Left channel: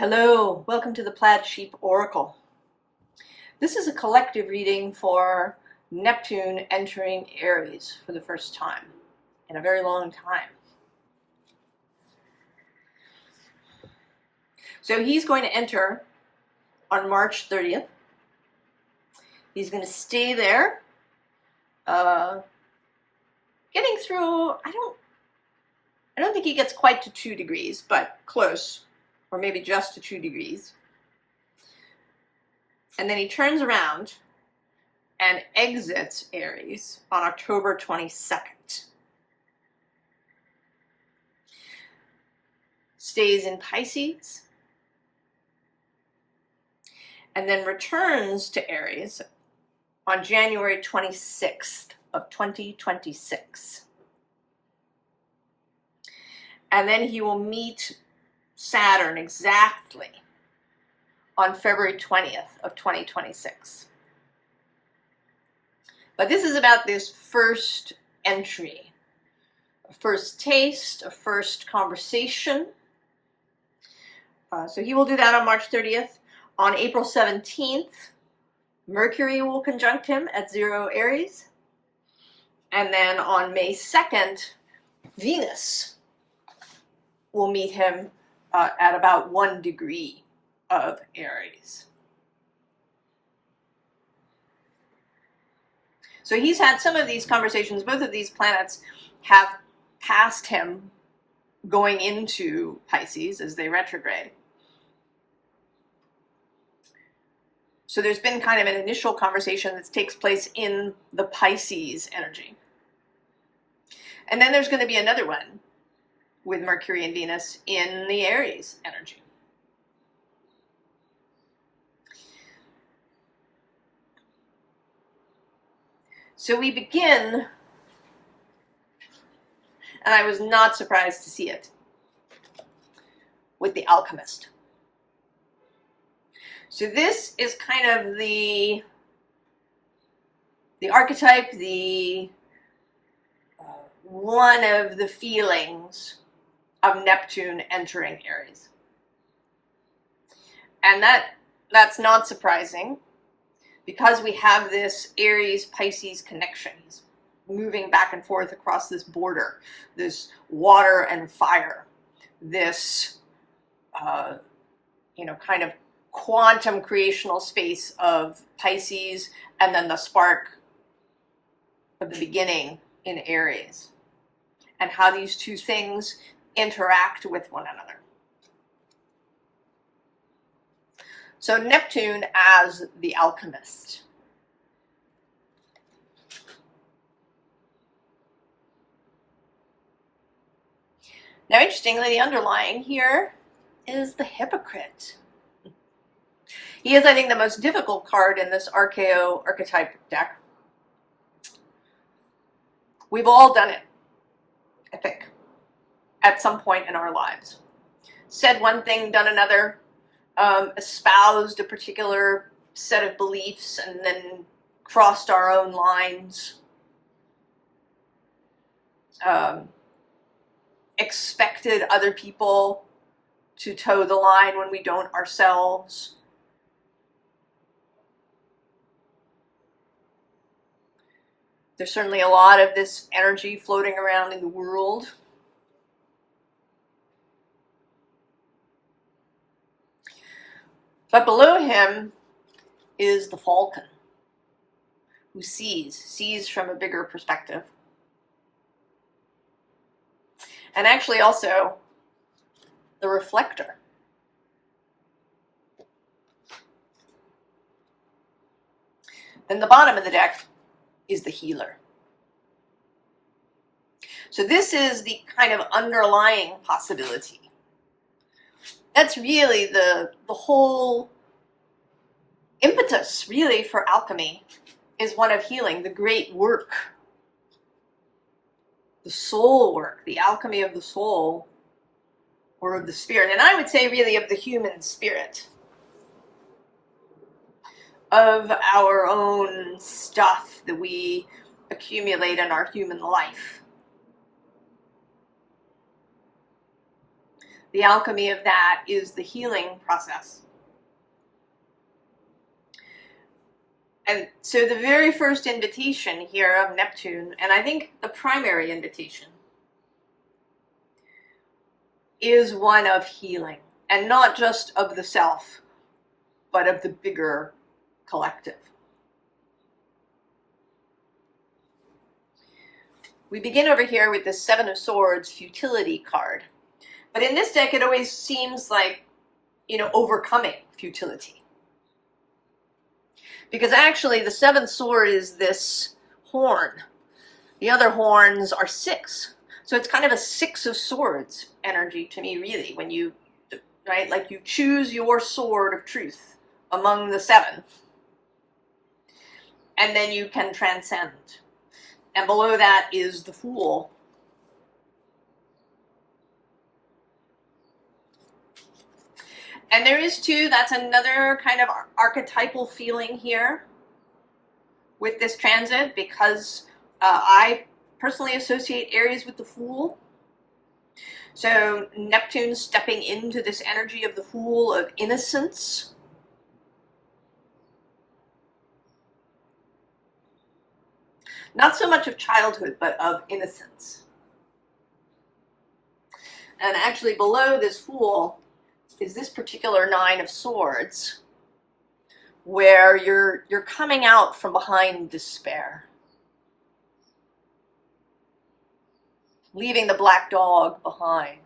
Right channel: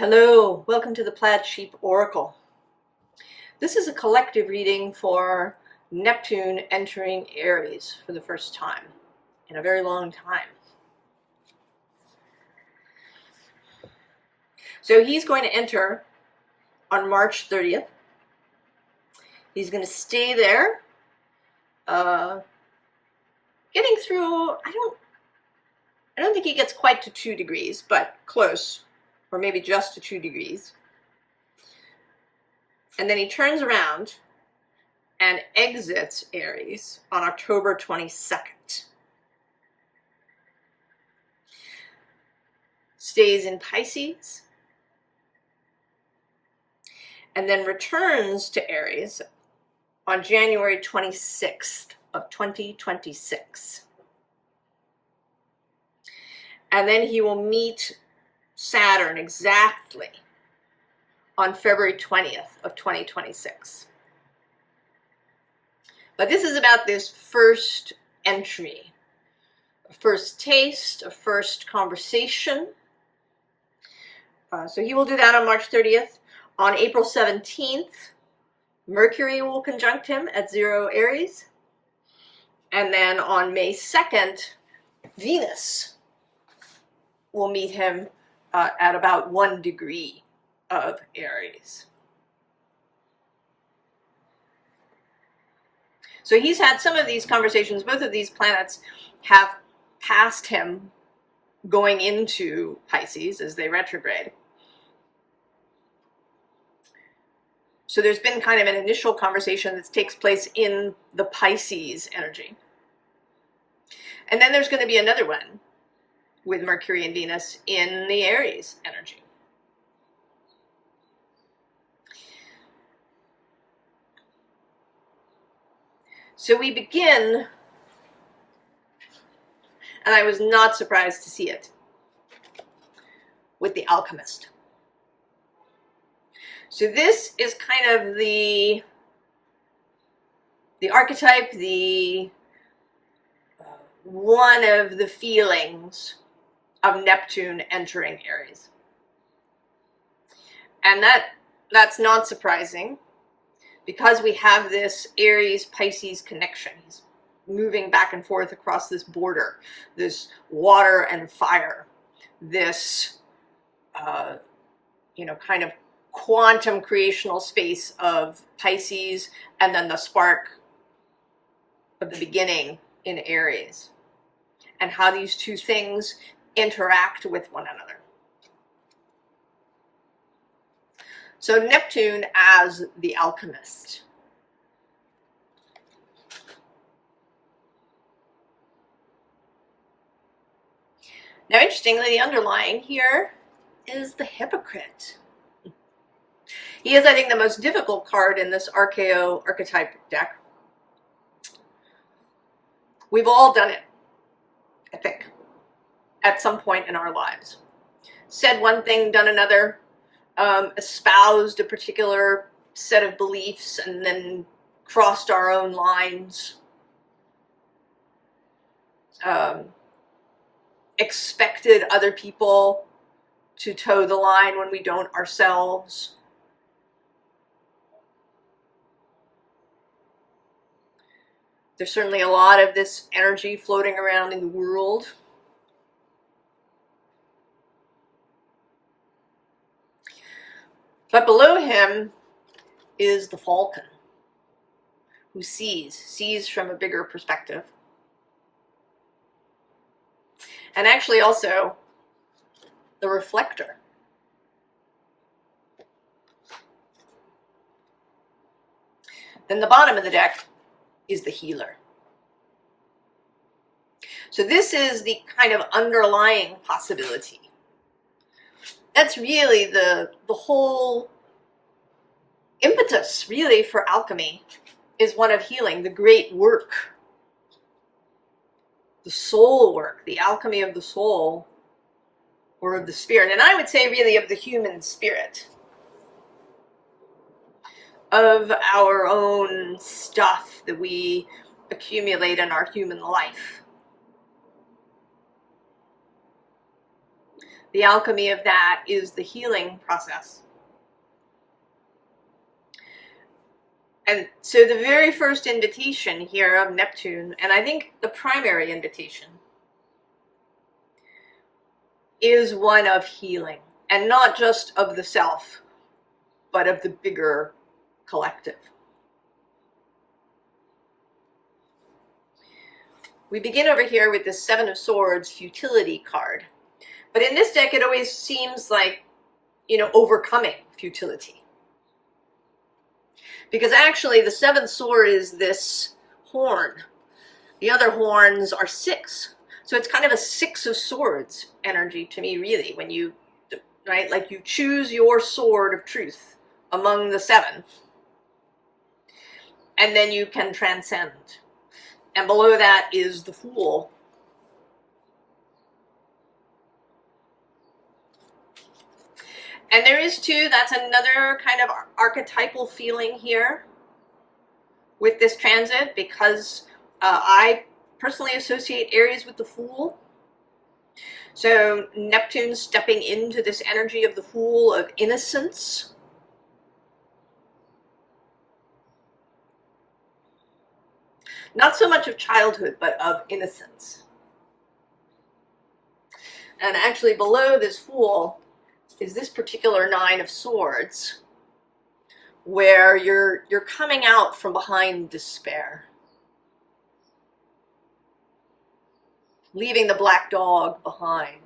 Hello, welcome to the Plaid Sheep Oracle. This is a collective reading for Neptune entering Aries for the first time in a very long time. So he's going to enter on March 30th. He's going to stay there, getting through, I don't think he gets quite to 2 degrees, but close, or maybe just to 2 degrees. And then he turns around and exits Aries on October 22nd. Stays in Pisces, and then returns to Aries on January 26th of 2026. And then he will meet Saturn exactly on February 20th of 2026. But this is about this first entry, a first taste, a first conversation. So he will do that on March 30th. On April 17th, Mercury will conjunct him at 0 Aries. And then on May 2nd, Venus will meet him at about 1 degree of Aries. So he's had some of these conversations. Both of these planets have passed him going into Pisces as they retrograde. So there's been kind of an initial conversation that takes place in the Pisces energy. And then there's going to be another one with Mercury and Venus in the Aries energy. So we begin, and I was not surprised to see it, with the Alchemist. So this is kind of the archetype, one of the feelings of Neptune entering Aries. And that's not surprising because we have this Aries-Pisces connection. He's moving back and forth across this border, this water and fire, this, kind of quantum creational space of Pisces, and then the spark of the beginning in Aries, and how these two things interact with one another. So Neptune as the alchemist. Now, interestingly, the underlying here is the Hypocrite. He is, I think, the most difficult card in this archeo archetype deck. We've all done it, I think, at some point in our lives. Said one thing, done another, espoused a particular set of beliefs, and then crossed our own lines. Expected other people to toe the line when we don't ourselves. There's certainly a lot of this energy floating around in the world. But below him is the Falcon, who sees from a bigger perspective. And actually also the Reflector. Then the bottom of the deck is the Healer. So this is the kind of underlying possibility. That's really the whole impetus, really, for alchemy is one of healing, the great work, the soul work, the alchemy of the soul, or of the spirit. And I would say really of the human spirit, of our own stuff that we accumulate in our human life. The alchemy of that is the healing process. And so the very first invitation here of Neptune, and I think the primary invitation, is one of healing, and not just of the self, but of the bigger collective. We begin over here with the Seven of Swords futility card. But in this deck, it always seems like, overcoming futility. Because actually, the seventh sword is this horn. The other horns are six. So it's kind of a Six of Swords energy to me, really, when you, right, like you choose your sword of truth among the seven. And then you can transcend. And below that is the Fool. And there is too, that's another kind of archetypal feeling here with this transit, because I personally associate Aries with the Fool. So Neptune stepping into this energy of the Fool, of innocence. Not so much of childhood, but of innocence. And actually below this Fool is this particular Nine of Swords, where you're coming out from behind despair. Leaving the black dog behind.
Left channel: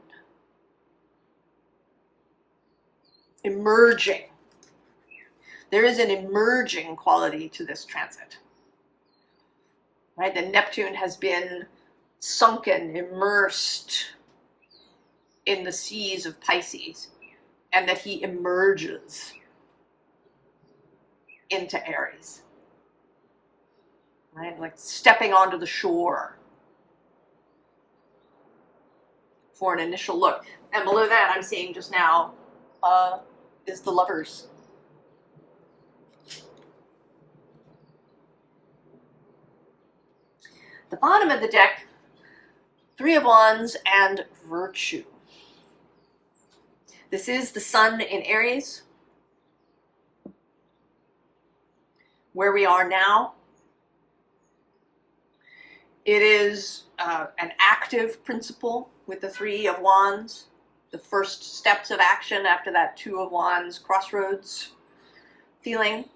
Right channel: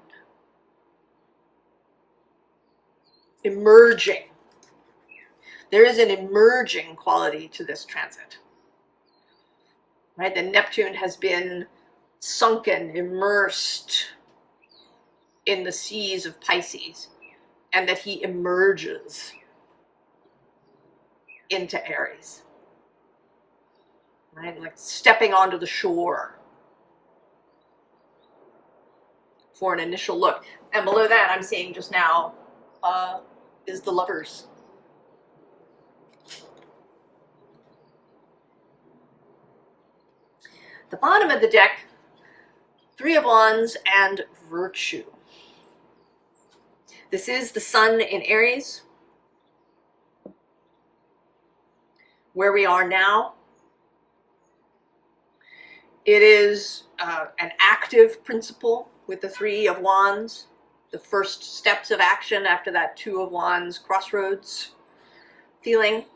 Emerging. There is an emerging quality to this transit. Right? The Neptune has been sunken, immersed in the seas of Pisces, and that he emerges into Aries. Right? Like stepping onto the shore for an initial look. And below that, I'm seeing just now, is the Lovers. The bottom of the deck, Three of Wands and Virtue. This is the Sun in Aries, where we are now. It is an active principle with the Three of Wands, the first steps of action after that Two of Wands crossroads feeling.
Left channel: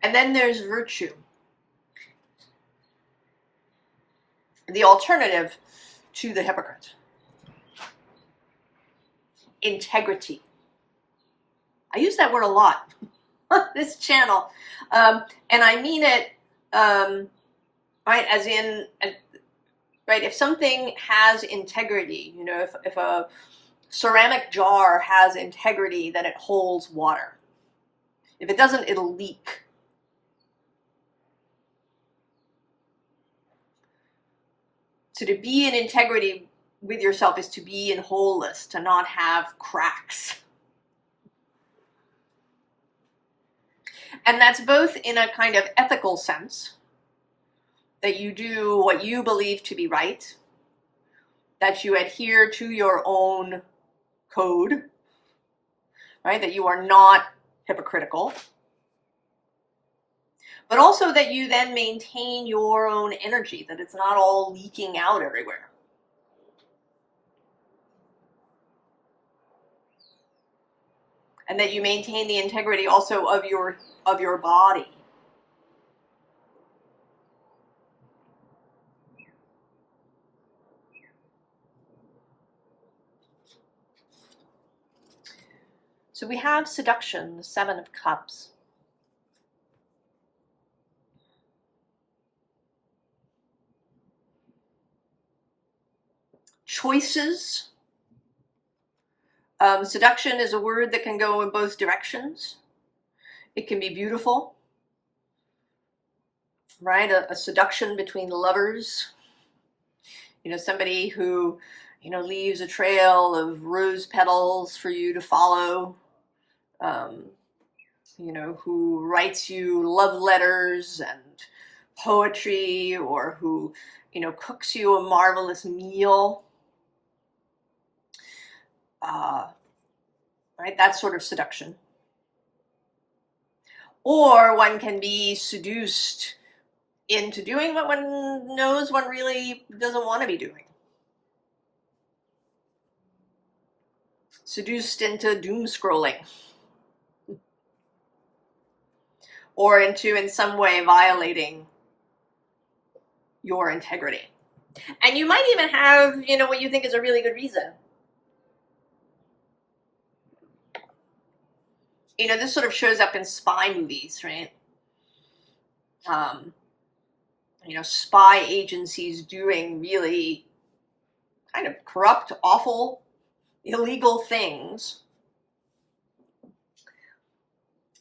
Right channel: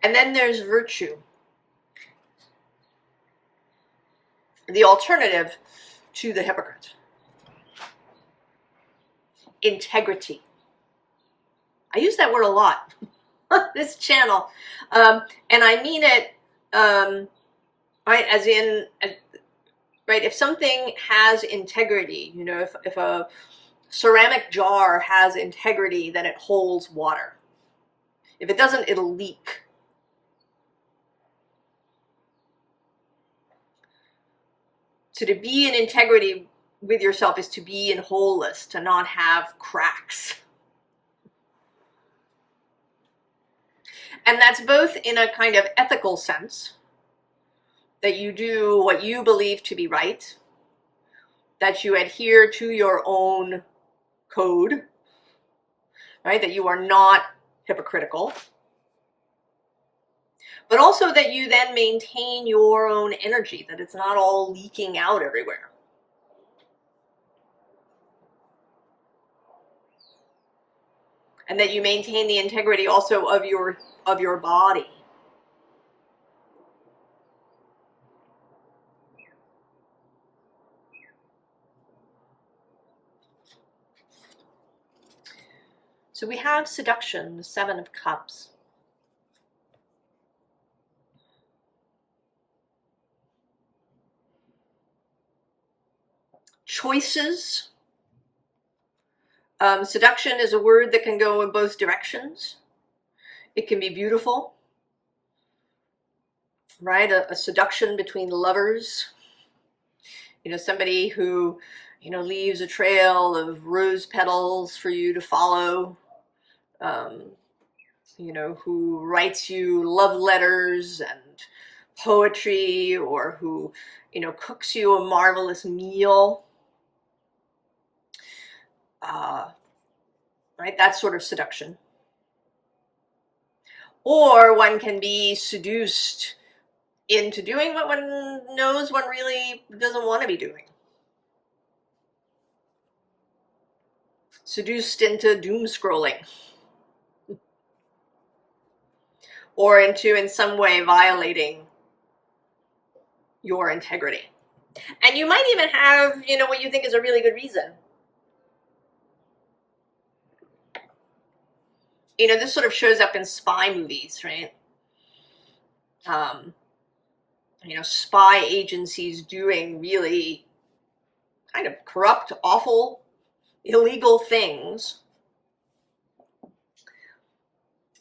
And then there's Virtue. The alternative to the Hypocrite. Integrity. I use that word a lot on this channel. And I mean it, right, as in, right, if something has integrity, if a ceramic jar has integrity, then it holds water. If it doesn't, it'll leak. So to be in integrity with yourself is to be in wholeness, to not have cracks. And that's both in a kind of ethical sense, that you do what you believe to be right, that you adhere to your own code, right? That you are not hypocritical, but also that you then maintain your own energy, that it's not all leaking out everywhere. And that you maintain the integrity also of your body. So we have seduction, the Seven of Cups. Choices. Seduction is a word that can go in both directions. It can be beautiful, right? A seduction between lovers. Somebody who, leaves a trail of rose petals for you to follow. you know, who writes you love letters and poetry, or who, you know, cooks you a marvelous meal. Right, that sort of seduction. Or one can be seduced into doing what one knows one really doesn't want to be doing. Seduced into doom scrolling. Or into, in some way, violating your integrity. And you might even have, you know, what you think is a really good reason. You know, this sort of shows up in spy movies, right? You know, spy agencies doing really kind of corrupt, awful, illegal things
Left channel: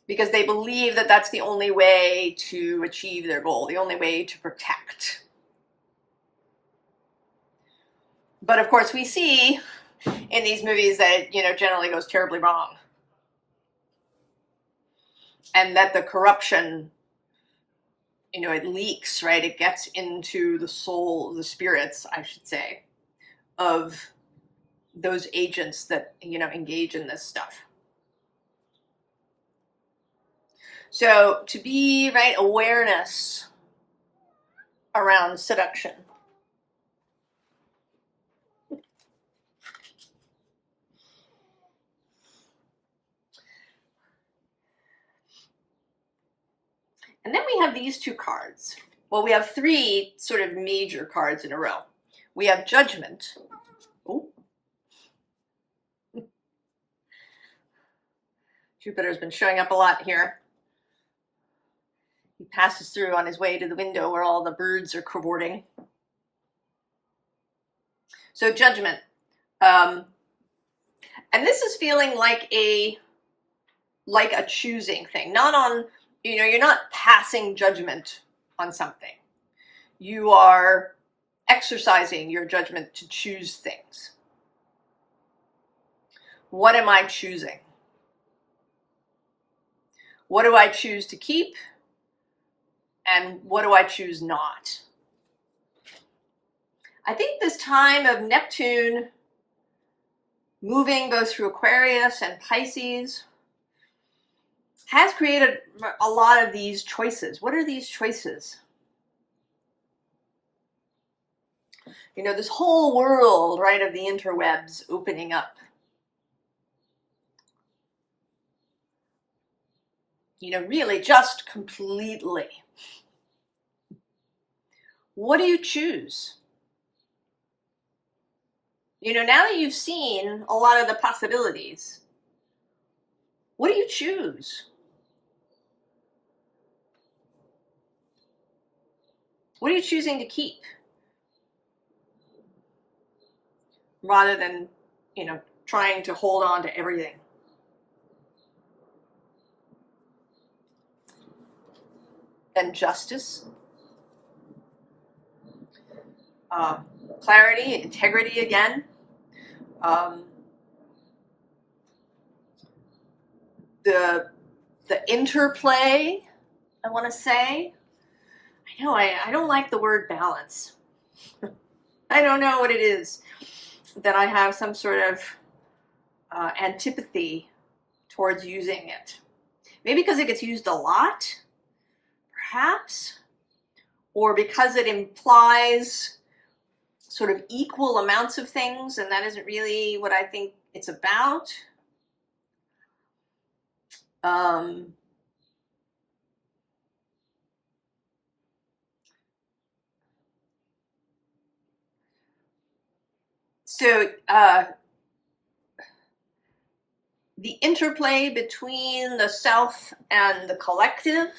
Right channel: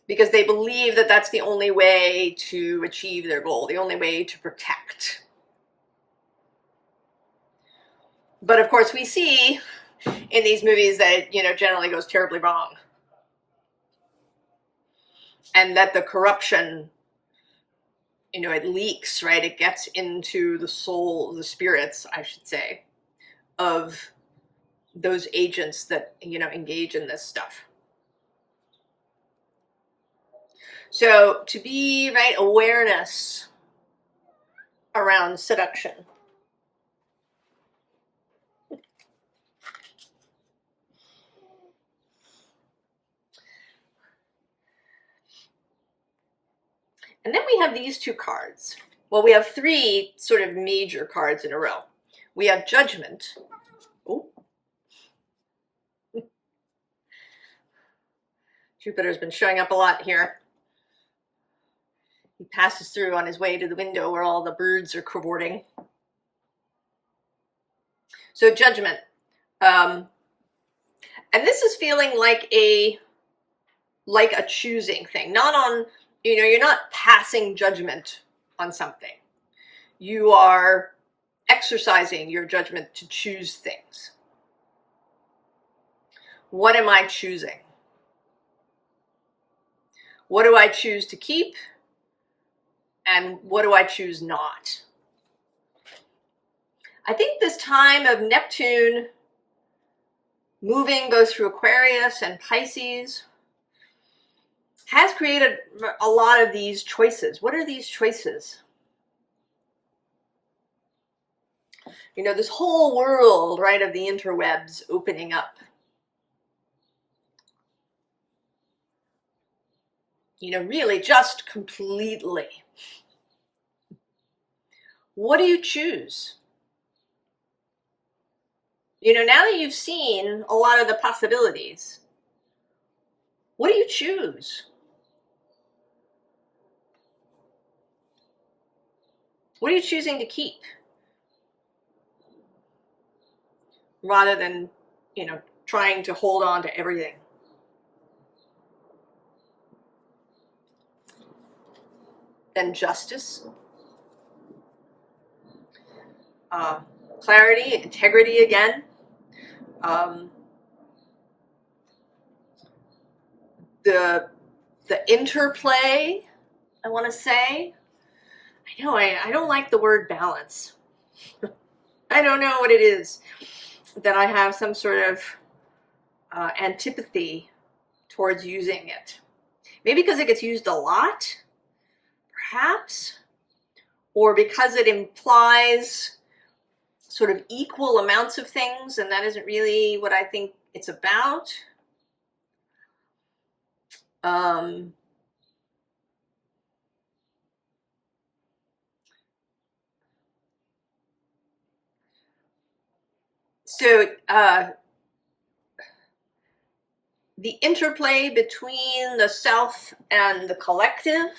because they believe that that's the only way to achieve their goal, the only way to protect. But of course, we see in these movies that, you know, generally goes terribly wrong. And that the corruption, you know, it leaks, right? It gets into the soul, the spirits, I should say, of those agents that, you know, engage in this stuff. So to be, right, awareness around seduction. And then we have these two cards. Well, we have three sort of major cards in a row. We have Judgment. Ooh. Jupiter's been showing up a lot here. He passes through on his way to the window where all the birds are cavorting. So Judgment. And this is feeling like a choosing thing. Not on, you know, you're not passing judgment on something. You are exercising your judgment to choose things. What am I choosing? What do I choose to keep? And what do I choose not? I think this time of Neptune moving both through Aquarius and Pisces has created a lot of these choices. What are these choices? You know, this whole world, right, of the interwebs opening up. You know, really just completely. What do you choose? You know, now that you've seen a lot of the possibilities, what do you choose? What are you choosing to keep? Rather than, you know, trying to hold on to everything. Then Justice. Clarity, integrity again. The interplay, I want to say. I know, I don't like the word balance. I don't know what it is that I have some sort of antipathy towards using it. Maybe because it gets used a lot, perhaps, or because it implies sort of equal amounts of things, and that isn't really what I think it's about. So the interplay between the self and the collective,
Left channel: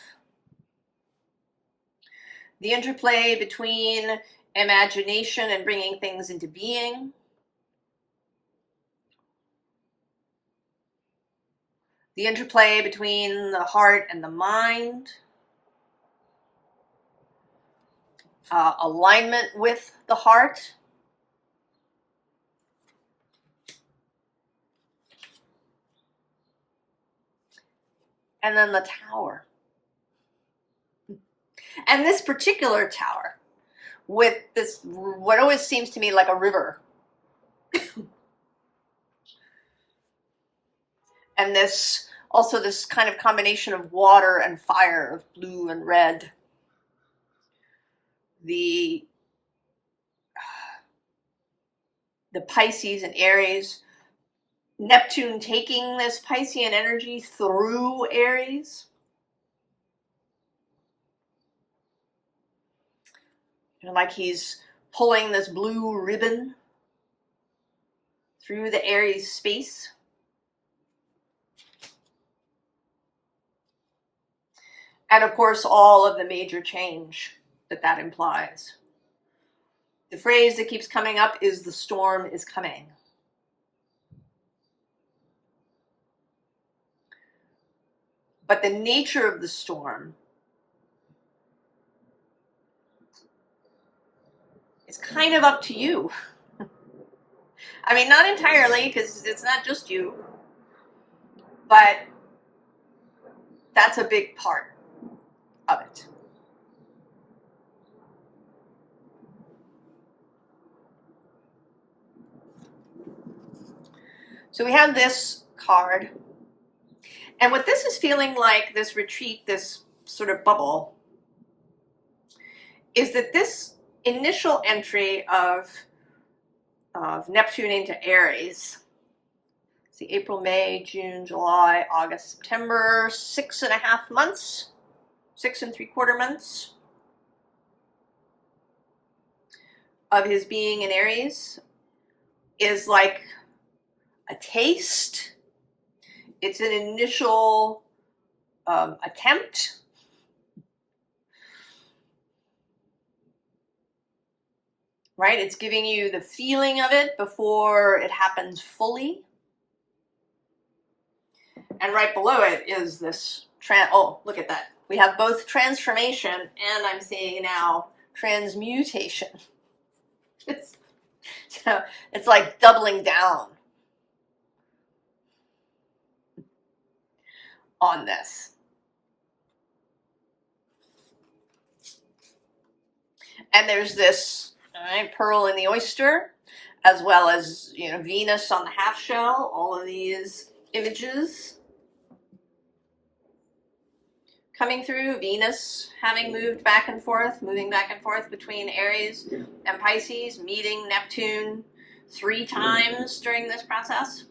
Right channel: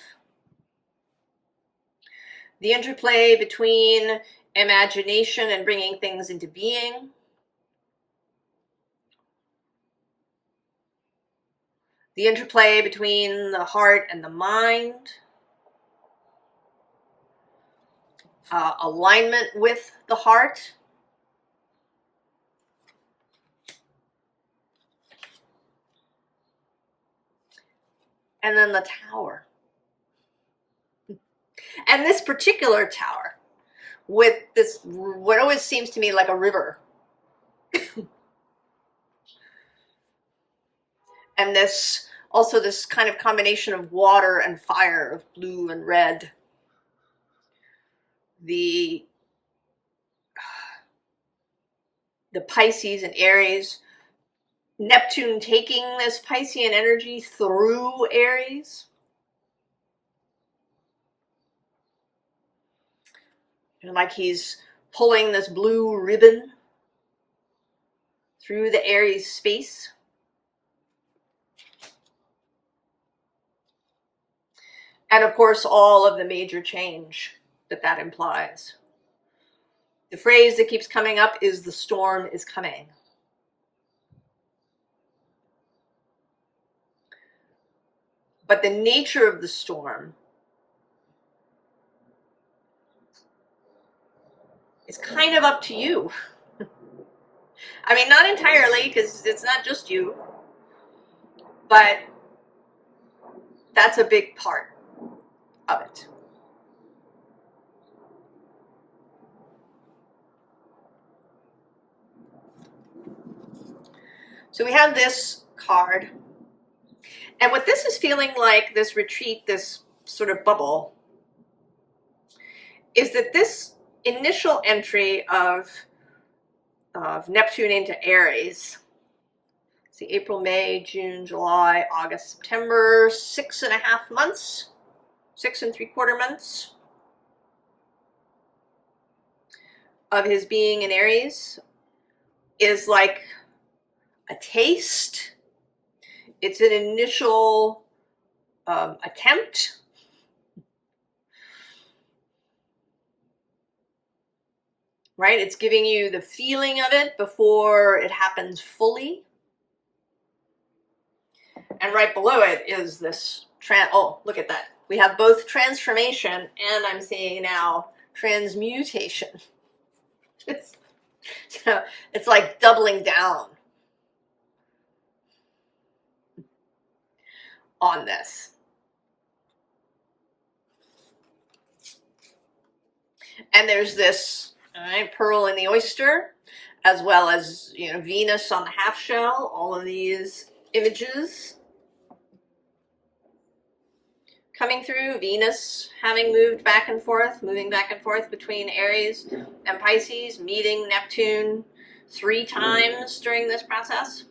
the interplay between imagination and bringing things into being, the interplay between the heart and the mind, alignment with the heart, and then the Tower. And this particular Tower, with this, what always seems to me like a river. And this, also this kind of combination of water and fire, of blue and red. The Pisces and Aries. Neptune taking this Piscean energy through Aries. And like he's pulling this blue ribbon through the Aries space. And of course, all of the major change that implies. The phrase that keeps coming up is the storm is coming. But the nature of the storm is kind of up to you. I mean, not entirely, because it's not just you, but that's a big part of it. So we have this card. And what this is feeling like, this retreat, this sort of bubble, is that this initial entry of Neptune into Aries, see, April, May, June, July, August, September, 6.5 months, 6 3/4 months of his being in Aries, is like a taste. It's an initial attempt. Right? It's giving you the feeling of it before it happens fully. And right below it is this, oh, look at that. We have both transformation and I'm seeing now transmutation. So it's like doubling down on this. And there's this pearl in the oyster, as well as, you know, Venus on the half shell, all of these images coming through. Venus having moved back and forth, moving back and forth between Aries and Pisces, meeting Neptune 3 times during this process.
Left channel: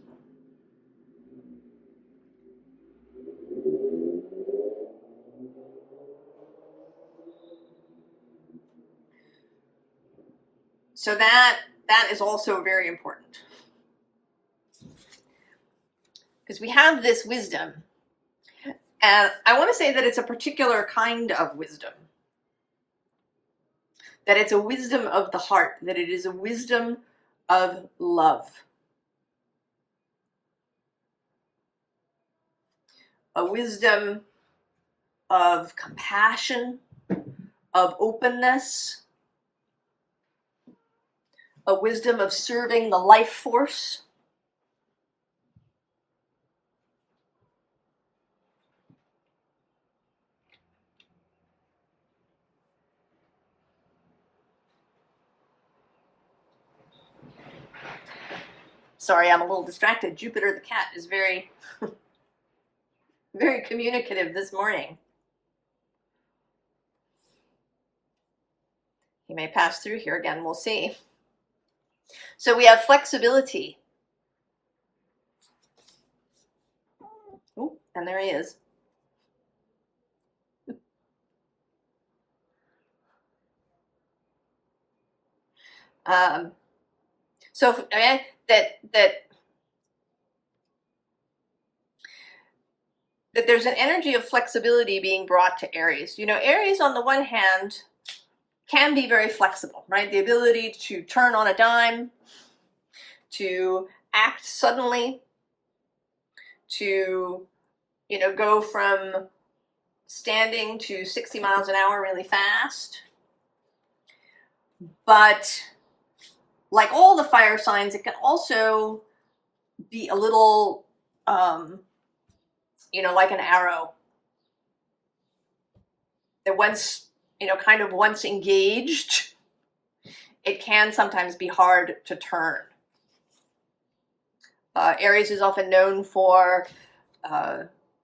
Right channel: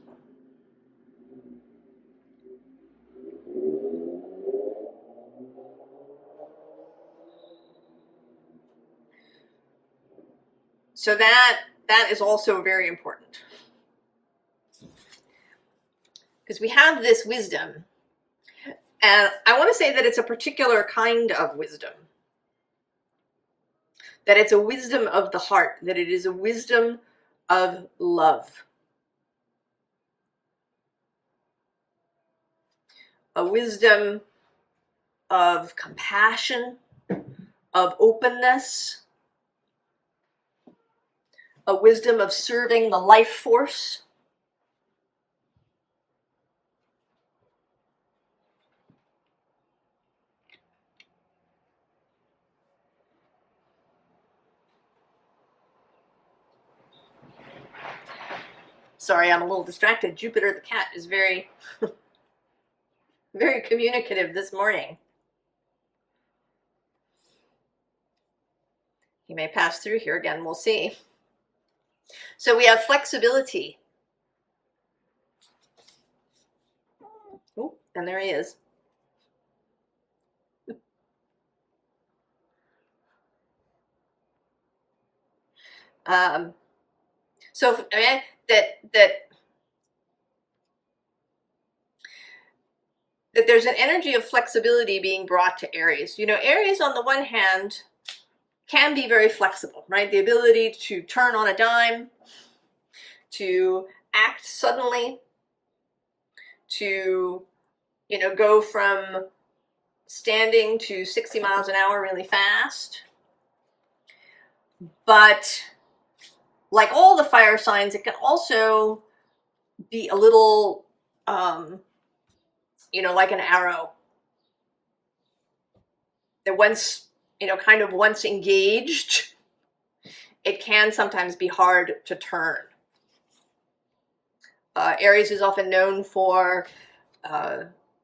So that is also very important. Because we have this wisdom. And I want to say that it's a particular kind of wisdom. That it's a wisdom of the heart. That it is a wisdom of love. A wisdom of compassion, of openness, a wisdom of serving the life force. Sorry, I'm a little distracted. Jupiter the cat is very, very communicative this morning. He may pass through here again, we'll see. So we have flexibility. Oh, and there he is. So that there's an energy of flexibility being brought to Aries. You know, Aries on the one hand can be very flexible, right? The ability to turn on a dime, to act suddenly, to, you know, go from standing to 60 miles an hour really fast. But like all the fire signs, it can also be a little, you know, like an arrow that once, kind of once engaged, it can sometimes be hard to turn. Aries is often known for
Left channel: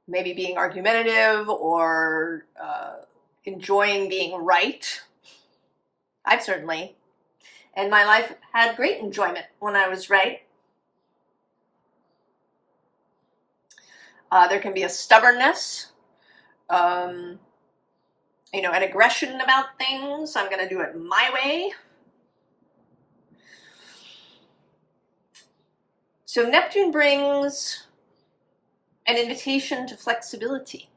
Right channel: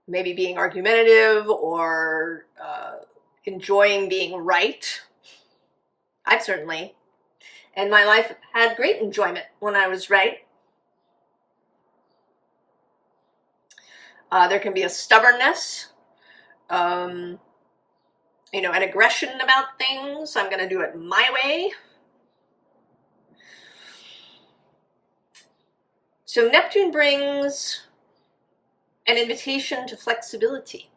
maybe being argumentative or enjoying being right. I've certainly, in my life, had great enjoyment when I was right. There can be a stubbornness, an aggression about things. I'm going to do it my way. So Neptune brings an invitation to flexibility,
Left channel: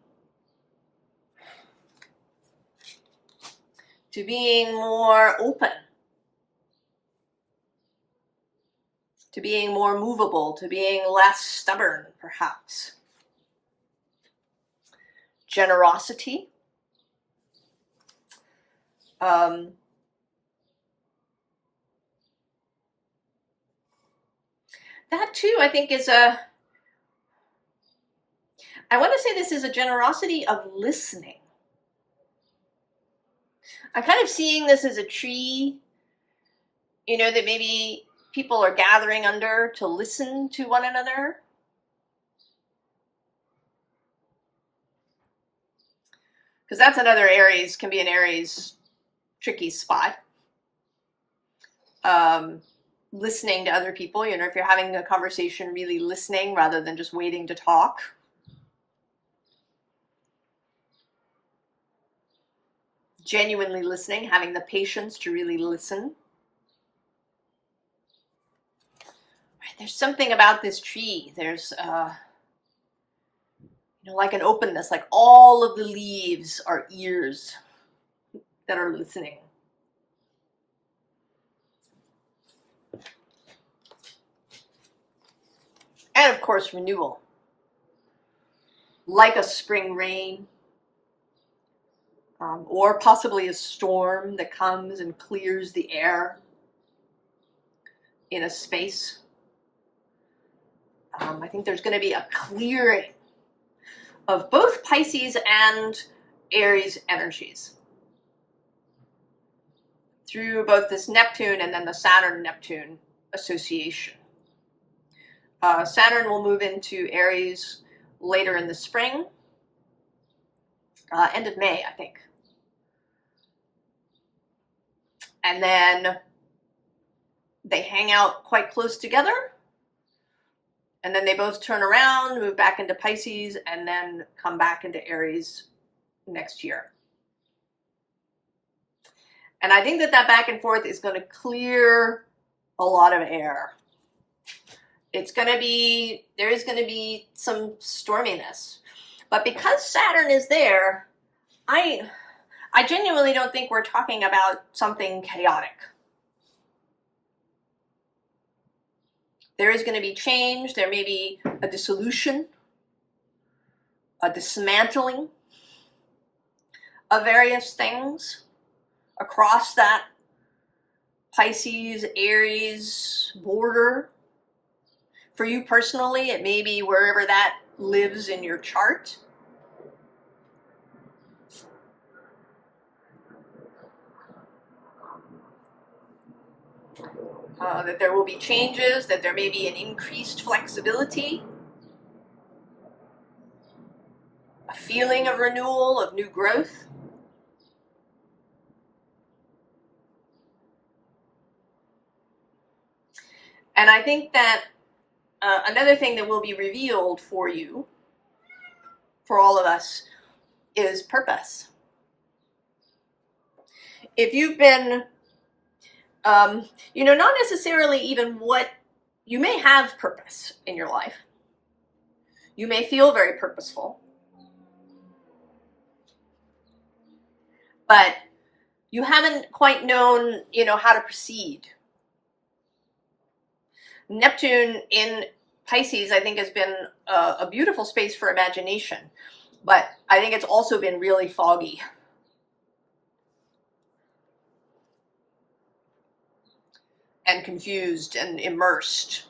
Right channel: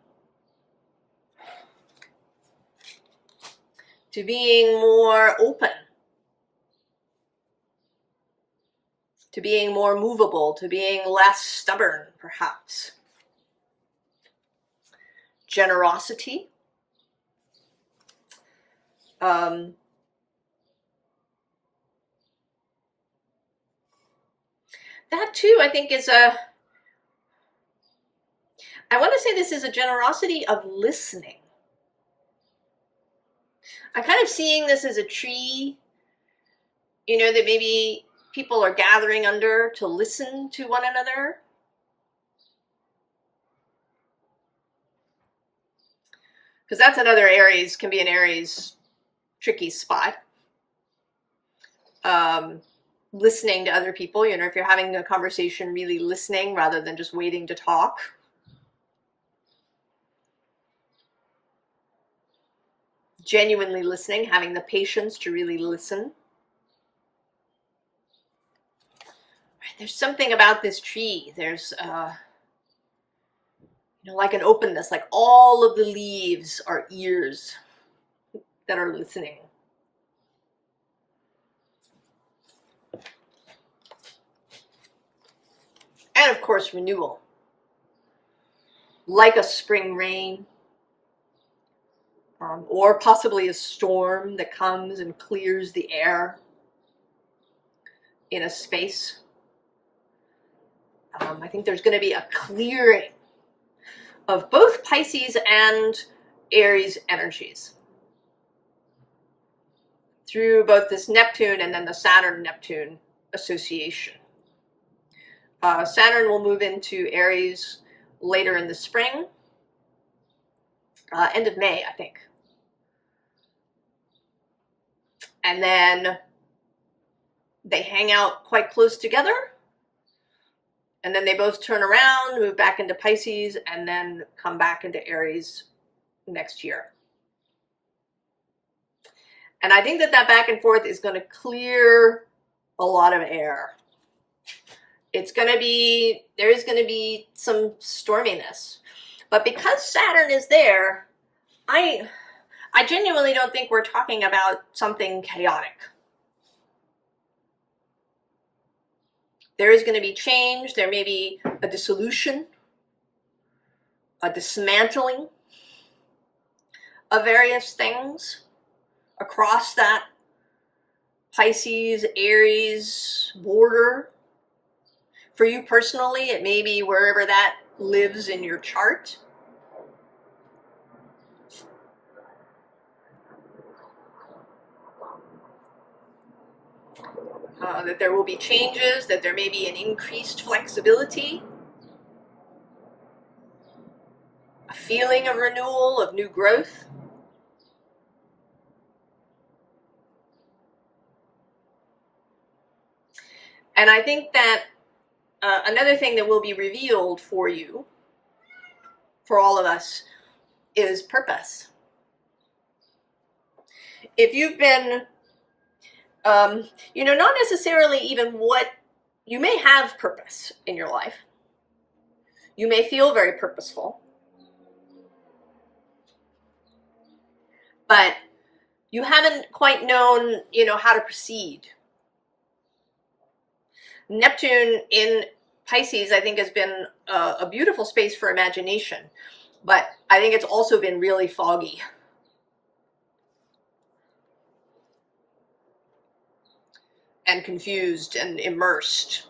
to being more open, to being more movable, to being less stubborn, perhaps. Generosity. That too, I think, is I want to say this is a generosity of listening. I'm kind of seeing this as a tree, that maybe people are gathering under to listen to one another. Because that's another Aries, can be an Aries tricky spot. Listening to other people, if you're having a conversation, really listening rather than just waiting to talk. Genuinely listening, having the patience to really listen. There's something about this tree. There's, like an openness, like all of the leaves are ears that are listening. And of course, renewal. Like a spring rain, or possibly a storm that comes and clears the air in a space. I think there's going to be a clearing of both Pisces and Aries energies through both this Neptune and then the Saturn-Neptune association. Saturn will move into Aries later in the spring, end of May, I think. And then they hang out quite close together. And then they both turn around, move back into Pisces, and then come back into Aries next year. And I think that back and forth is going to clear a lot of air. There's going to be some storminess. But because Saturn is there, I genuinely don't think we're talking about something chaotic. There is going to be change. There may be a dissolution, a dismantling of various things across that Pisces, Aries border. For you personally, it may be wherever that lives in your chart. That there will be changes, that there may be an increased flexibility, a feeling of renewal, of new growth. And I think that another thing that will be revealed for you, for all of us, is purpose. If you've been, not necessarily even what, you may have purpose in your life. You may feel very purposeful. But you haven't quite known, how to proceed. Neptune in Pisces, I think, has been a beautiful space for imagination. But I think it's also been really foggy. And confused and immersed.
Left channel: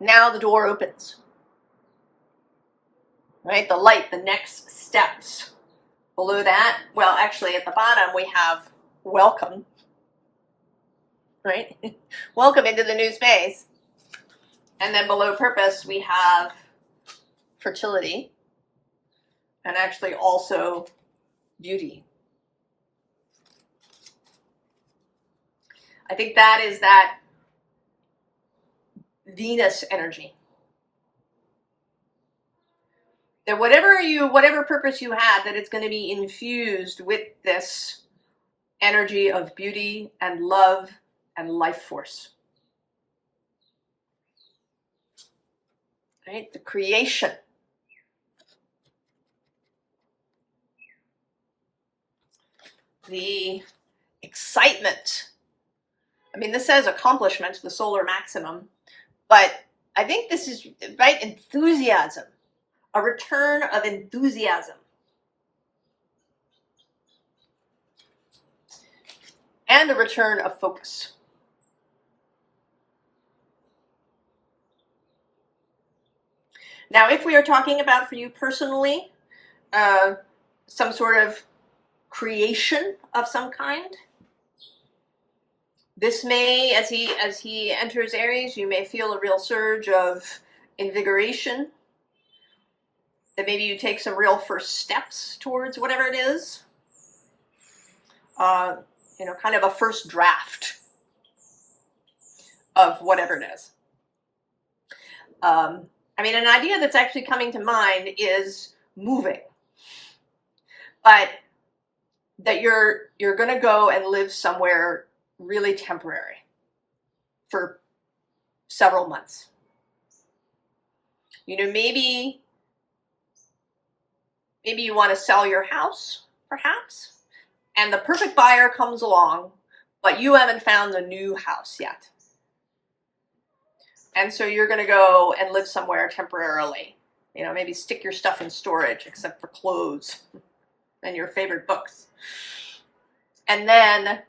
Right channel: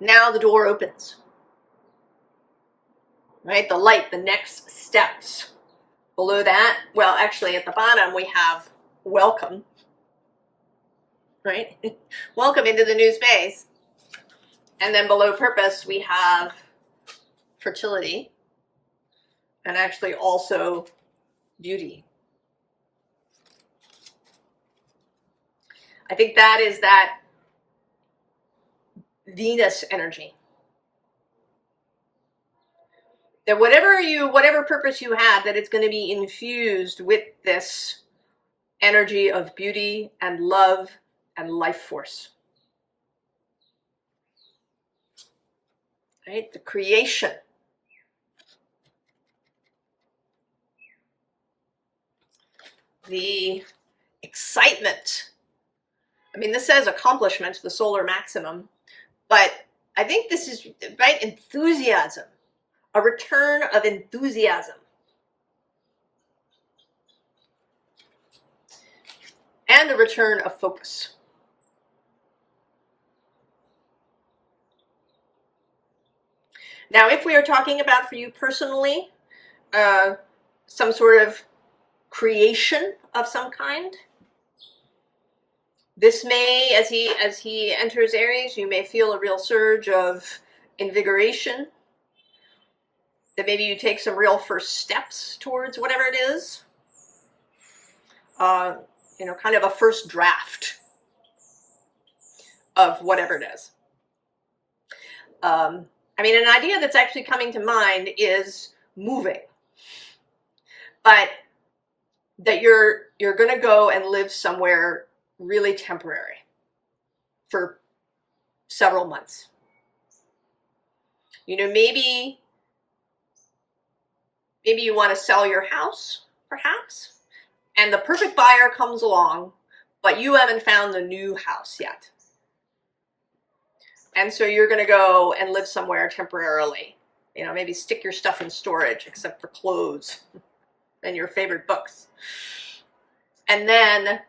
Now the door opens. Right? The light, the next steps Below that, well, actually at the bottom we have welcome, right? Welcome into the new space. And then below purpose we have fertility, and actually also beauty. I think that is that Venus energy. That whatever purpose you have, that it's going to be infused with this energy of beauty and love and life force. Right? The creation. The excitement. I mean, this says accomplishment, the solar maximum, but I think this is, right, enthusiasm. A return of enthusiasm. And a return of focus. Now, if we are talking about for you personally, some sort of creation of some kind, this may, as he enters Aries, you may feel a real surge of invigoration. That maybe you take some real first steps towards whatever it is. You know, kind of a first draft of whatever it is. I mean, an idea that's actually coming to mind is moving. But that you're going to go and live somewhere really temporary for several months. You know, maybe you want to sell your house, perhaps, and the perfect buyer comes along, but you haven't found the new house yet. And so you're going to go and live somewhere temporarily. You know, maybe stick your stuff in storage, except for clothes and your favorite books. And then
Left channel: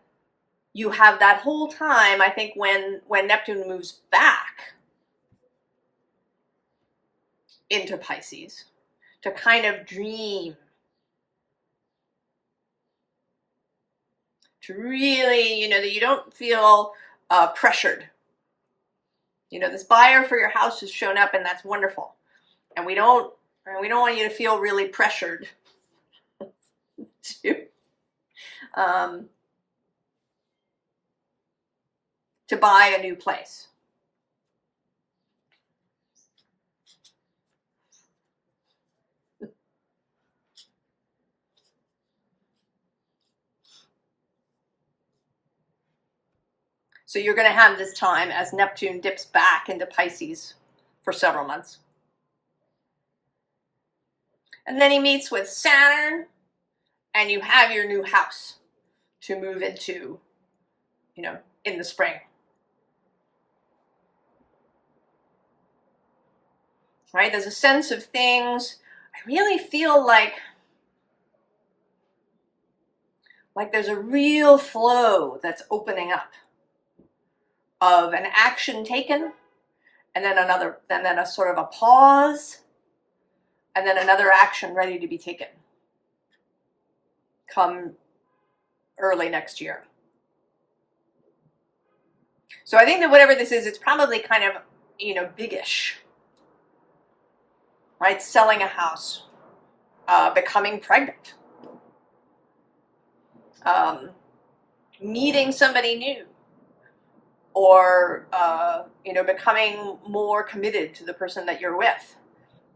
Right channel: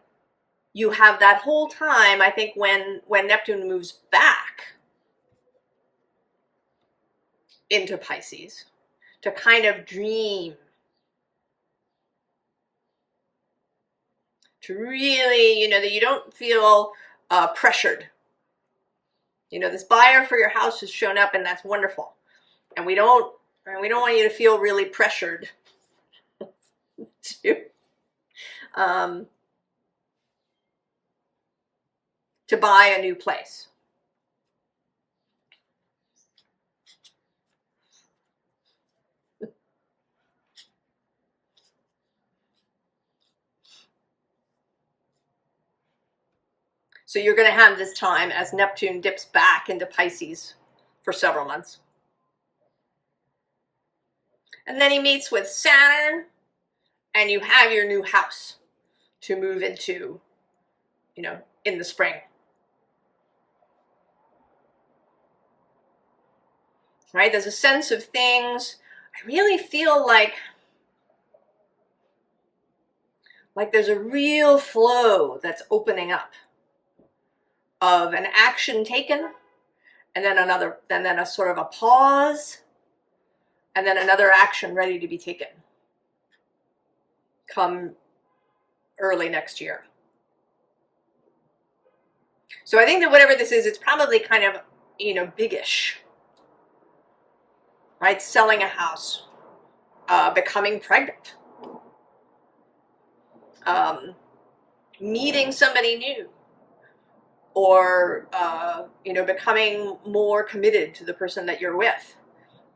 you have that whole time, I think, when Neptune moves back into Pisces, to kind of dream. To really, you know, that you don't feel pressured. You know, this buyer for your house has shown up, and that's wonderful. And we don't want you to feel really pressured to buy a new place. So you're going to have this time as Neptune dips back into Pisces for several months. And then he meets with Saturn, and you have your new house to move into, you know, in the spring. Right? There's a sense of things. I really feel like there's a real flow that's opening up of an action taken, and then a sort of a pause, and then another action ready to be taken come early next year. So I think that whatever this is, it's probably kind of, you know, biggish, right? Selling a house, becoming pregnant, meeting somebody new, or you know, becoming more committed to the person that you're with,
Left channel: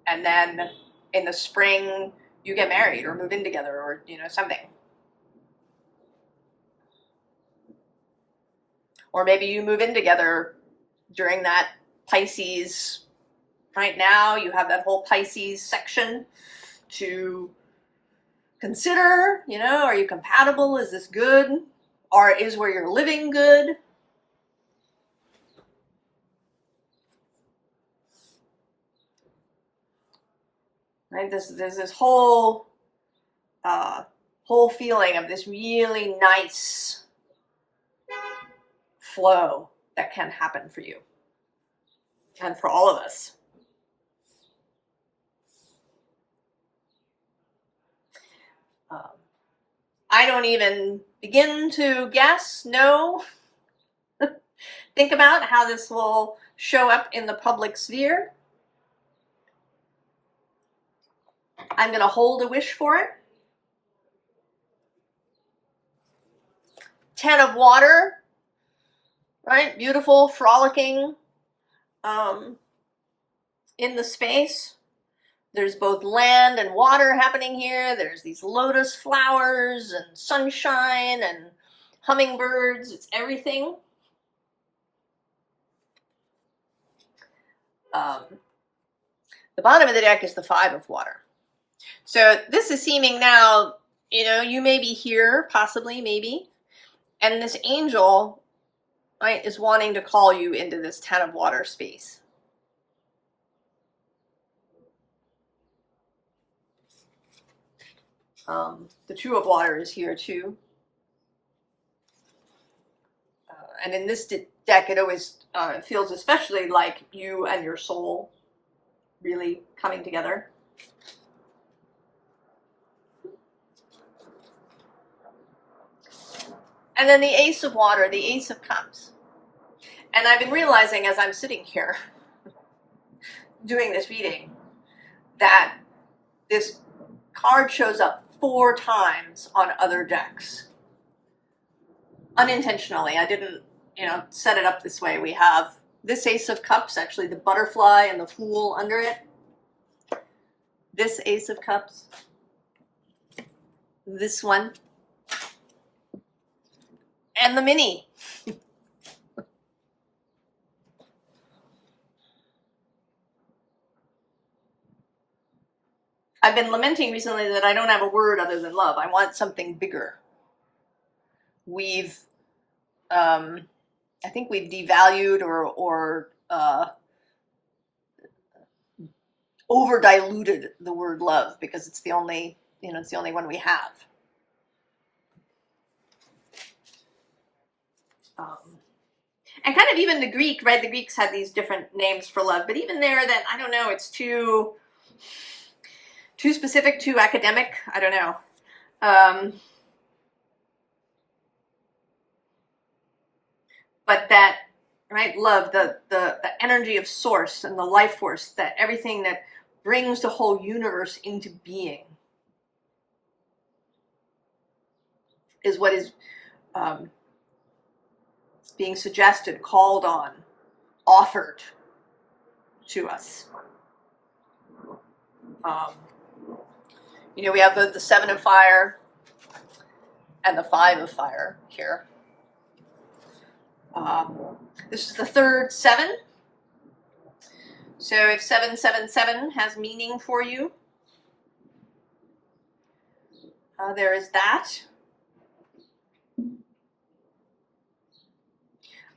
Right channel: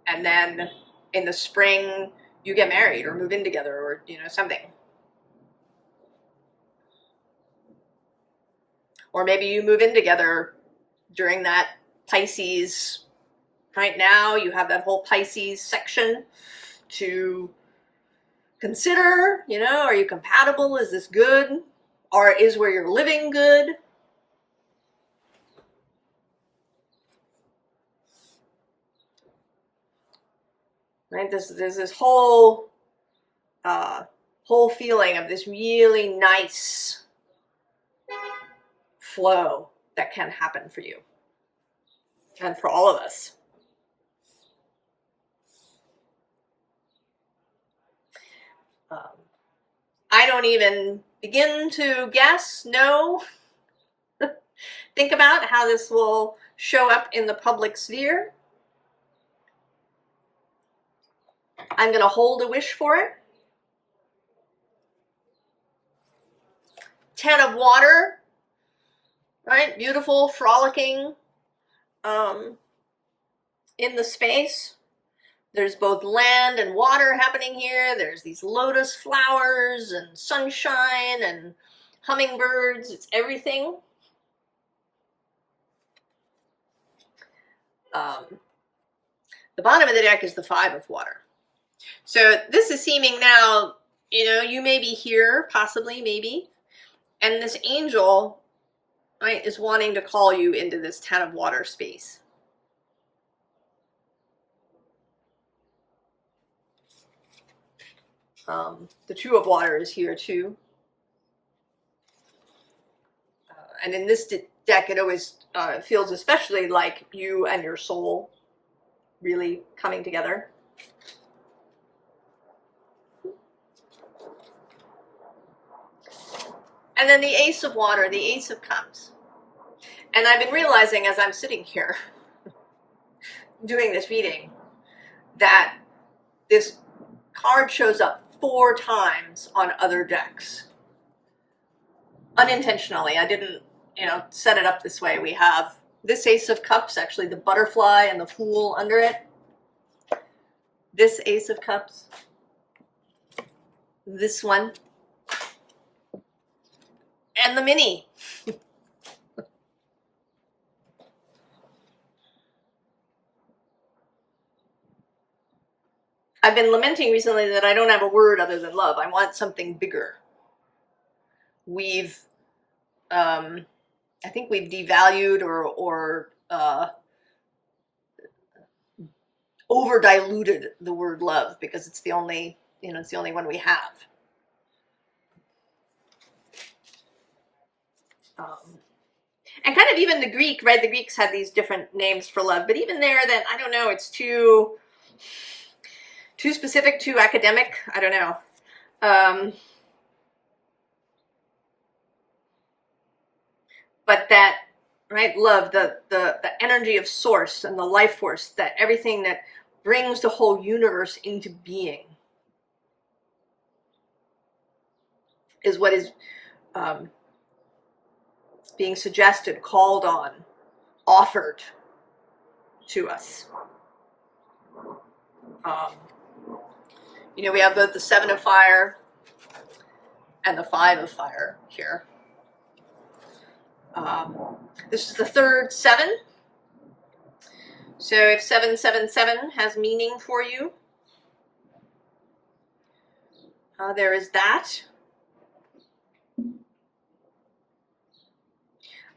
and then in the spring you get married or move in together, or, you know, something. Or maybe you move in together during that Pisces. Right now you have that whole Pisces section to consider, you know, are you compatible? Is this good? Or is where you're living good? Right? There's this whole feeling of this really nice flow that can happen for you and for all of us. I don't even begin to guess, know, think about how this will show up in the public sphere. I'm going to hold a wish for it. 10 of water, right? Beautiful, frolicking in the space. There's both land and water happening here. There's these lotus flowers and sunshine and hummingbirds. It's everything. The bottom of the deck is the 5 of water. So this is seeming now, you know, you may be here, possibly, maybe, and this angel, right, is wanting to call you into this 10 of water space. The 2 of water is here too. And in this deck, it always feels especially like you and your soul really coming together. And then the Ace of Water, the Ace of Cups. And I've been realizing as I'm sitting here doing this reading that this card shows up 4 times on other decks. Unintentionally, I didn't, you know, set it up this way. We have this Ace of Cups, actually the butterfly and the Fool under it. This Ace of Cups. This one. And the mini. I've been lamenting recently that I don't have a word other than love. I want something bigger. We've, I think we've devalued or over diluted the word love because it's the only, you know, it's the only one we have. And kind of even the Greek, right? The Greeks had these different names for love, but even there, that I don't know, it's too specific, too academic. I don't know. But that, right, love, the energy of source and the life force, that everything that brings the whole universe into being is what is being suggested, called on, offered to us. You know, we have both the 7 of fire and the 5 of fire here. This is the third 7. So if 777 has meaning for you, there is that.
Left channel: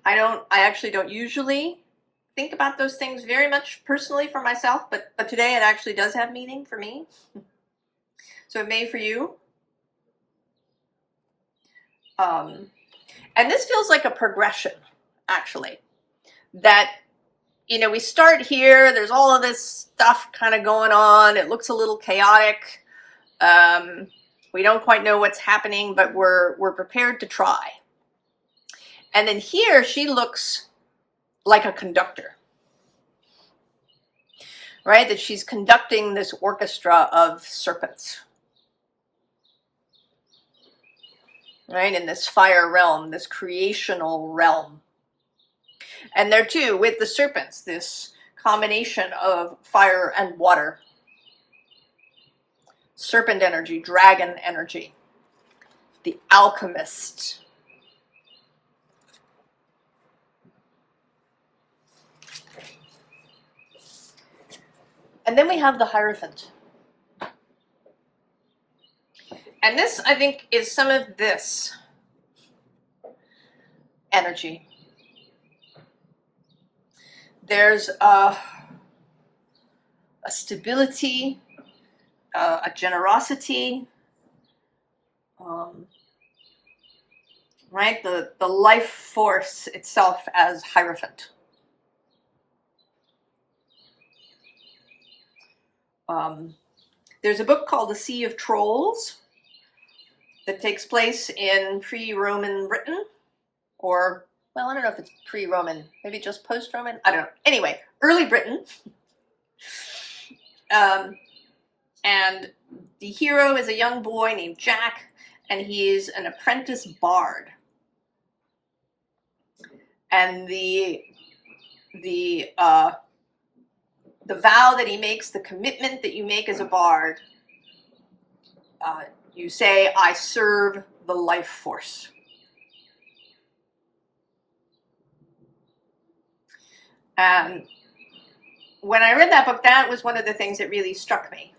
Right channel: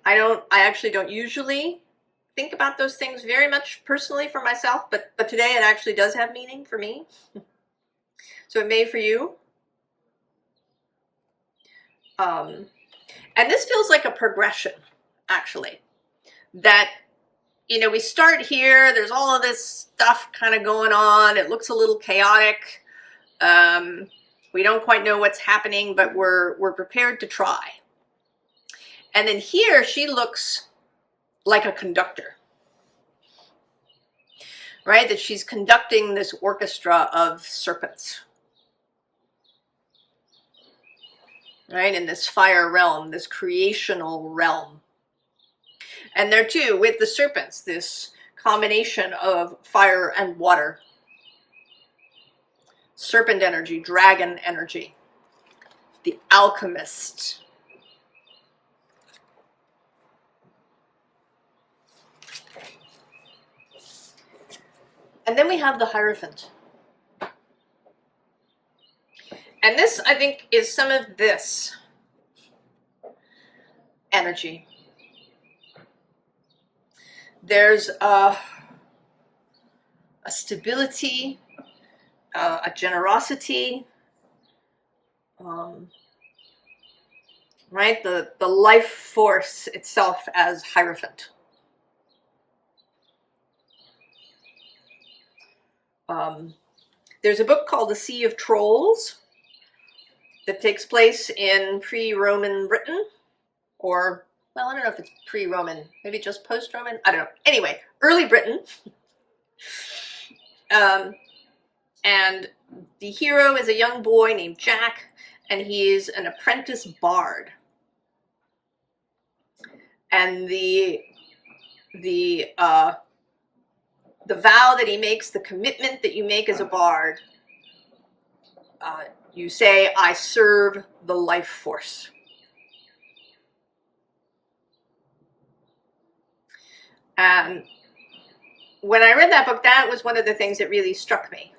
I actually don't usually think about those things very much personally for myself, but today it actually does have meaning for me. So it may for you. And this feels like a progression, actually. That, you know, we start here, there's all of this stuff kind of going on, it looks a little chaotic. We don't quite know what's happening, but we're prepared to try. And then here she looks like a conductor, right? That she's conducting this orchestra of serpents, right? In this fire realm, this creational realm. And there too, with the serpents, this combination of fire and water. Serpent energy, dragon energy, the alchemist. And then we have the Hierophant. And this, I think, is some of this energy. There's a stability, a generosity, right? The life force itself as Hierophant. There's a book called The Sea of Trolls, that takes place in pre-Roman Britain, or, well, I don't know if it's pre-Roman, maybe just post-Roman, I don't know. Anyway, early Britain. And the hero is a young boy named Jack, and he's an apprentice bard. And the vow that he makes, the commitment that you make as a bard, you say, I serve the life force. And when I read that book, that was one of the things that really struck me.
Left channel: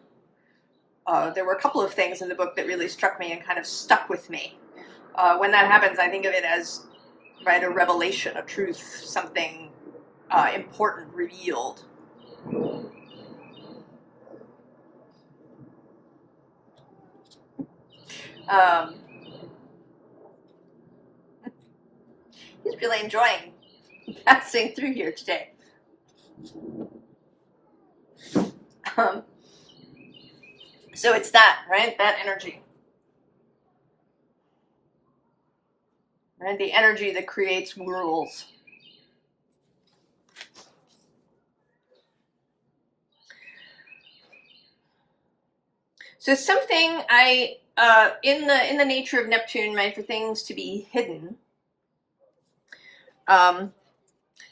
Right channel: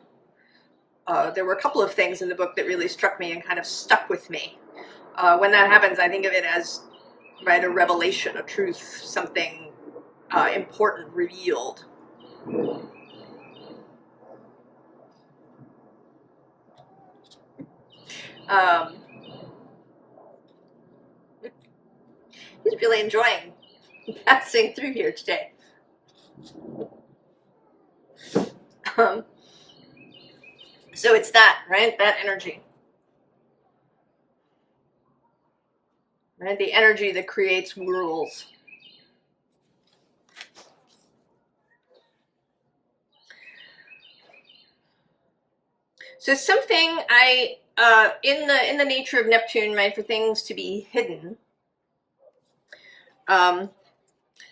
There were a couple of things in the book that really struck me and kind of stuck with me. When that happens, I think of it as, right, a revelation, a truth, something important revealed. He's really enjoying passing through here today. So it's that, right? That energy. Right? The energy that creates rules. So something in the nature of Neptune, right, for things to be hidden,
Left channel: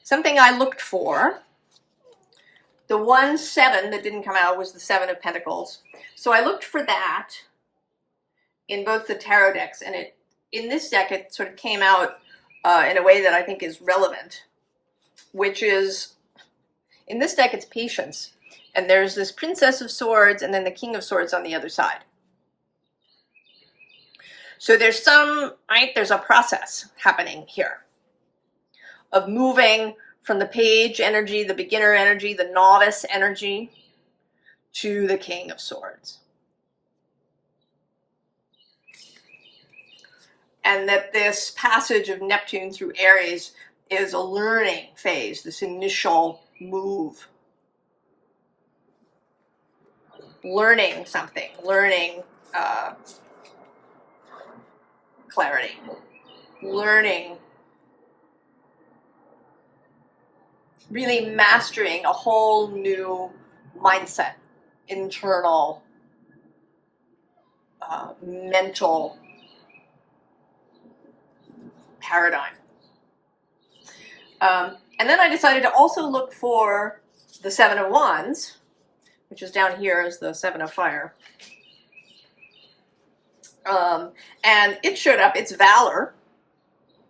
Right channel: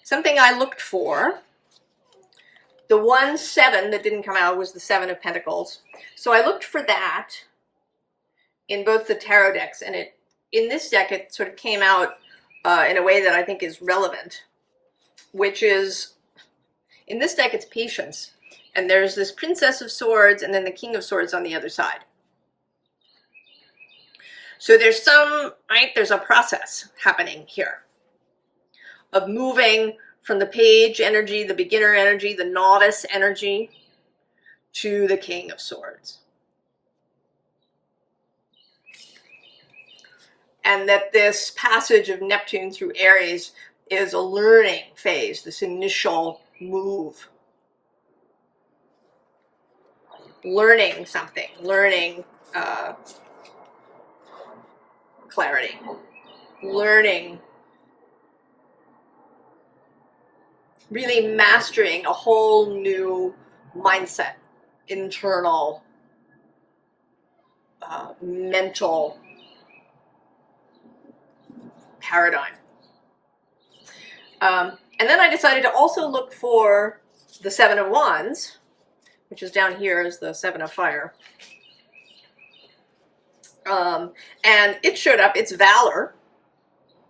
something I looked for, the 1-7 that didn't come out was the 7 of Pentacles. So I looked for that in both the tarot decks, and in this deck it sort of came out in a way that I think is relevant, which is, in this deck it's patience, and there's this Princess of Swords and then the King of Swords on the other side. So there's there's a process happening here of moving from the page energy, the beginner energy, the novice energy, to the King of Swords. And that this passage of Neptune through Aries is a learning phase, this initial move. Learning something, learning clarity, learning, really mastering a whole new mindset, internal, mental paradigm. And then I decided to also look for the 7 of Wands, which is down here as the 7 of Fire. And it showed up, it's Valor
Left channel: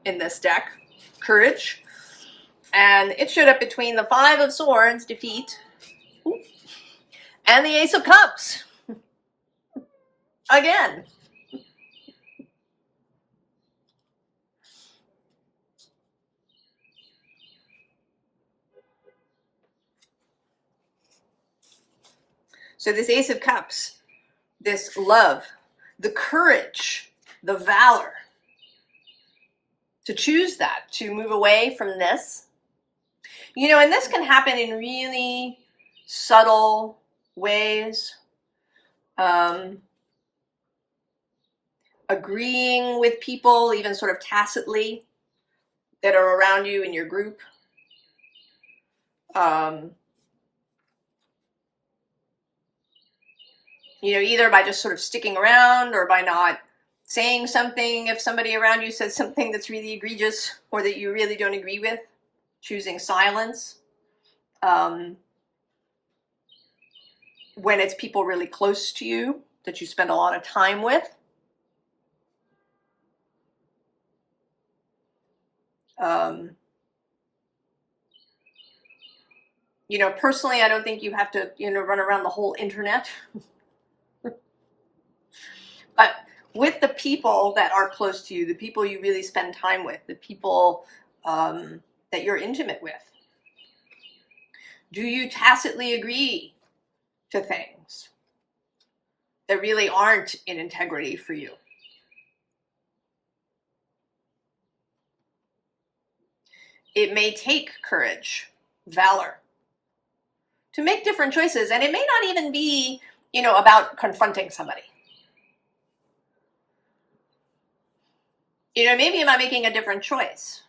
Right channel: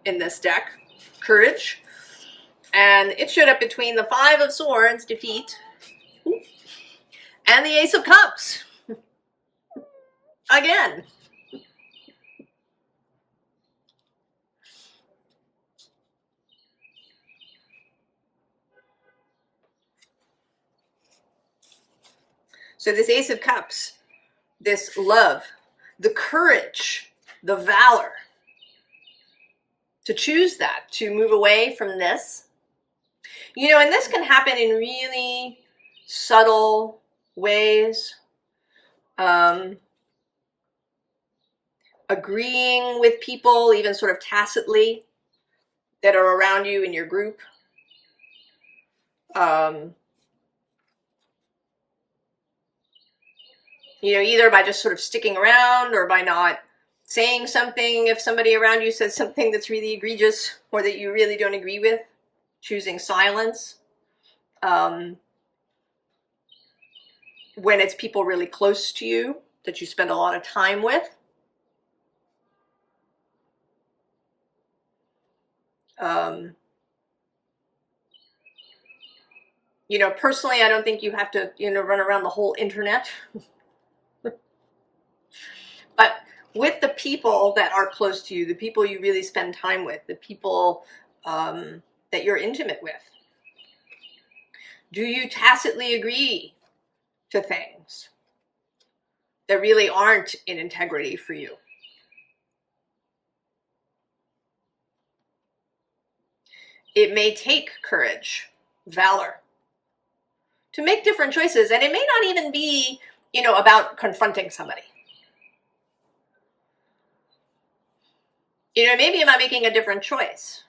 in this deck, courage. And it showed up between the 5 of Swords, defeat, and the Ace of Cups. Again. So this Ace of Cups, this love, the courage, the valor, to choose that, to move away from this. You know, and this can happen in really subtle ways. Agreeing with people, even sort of tacitly, that are around you in your group. You know, either by just sort of sticking around or by not saying something if somebody around you says something that's really egregious or that you really don't agree with, choosing silence. When it's people really close to you that you spend a lot of time with. You know, personally, I don't think you have to, you know, run around the whole internet. But with the people that are close to you, the people you really spend time with, the people that you're intimate with, do you tacitly agree to things that really aren't in integrity for you? It may take courage, valor, to make different choices. And it may not even be, you know, about confronting somebody. You know, maybe am I making a different choice?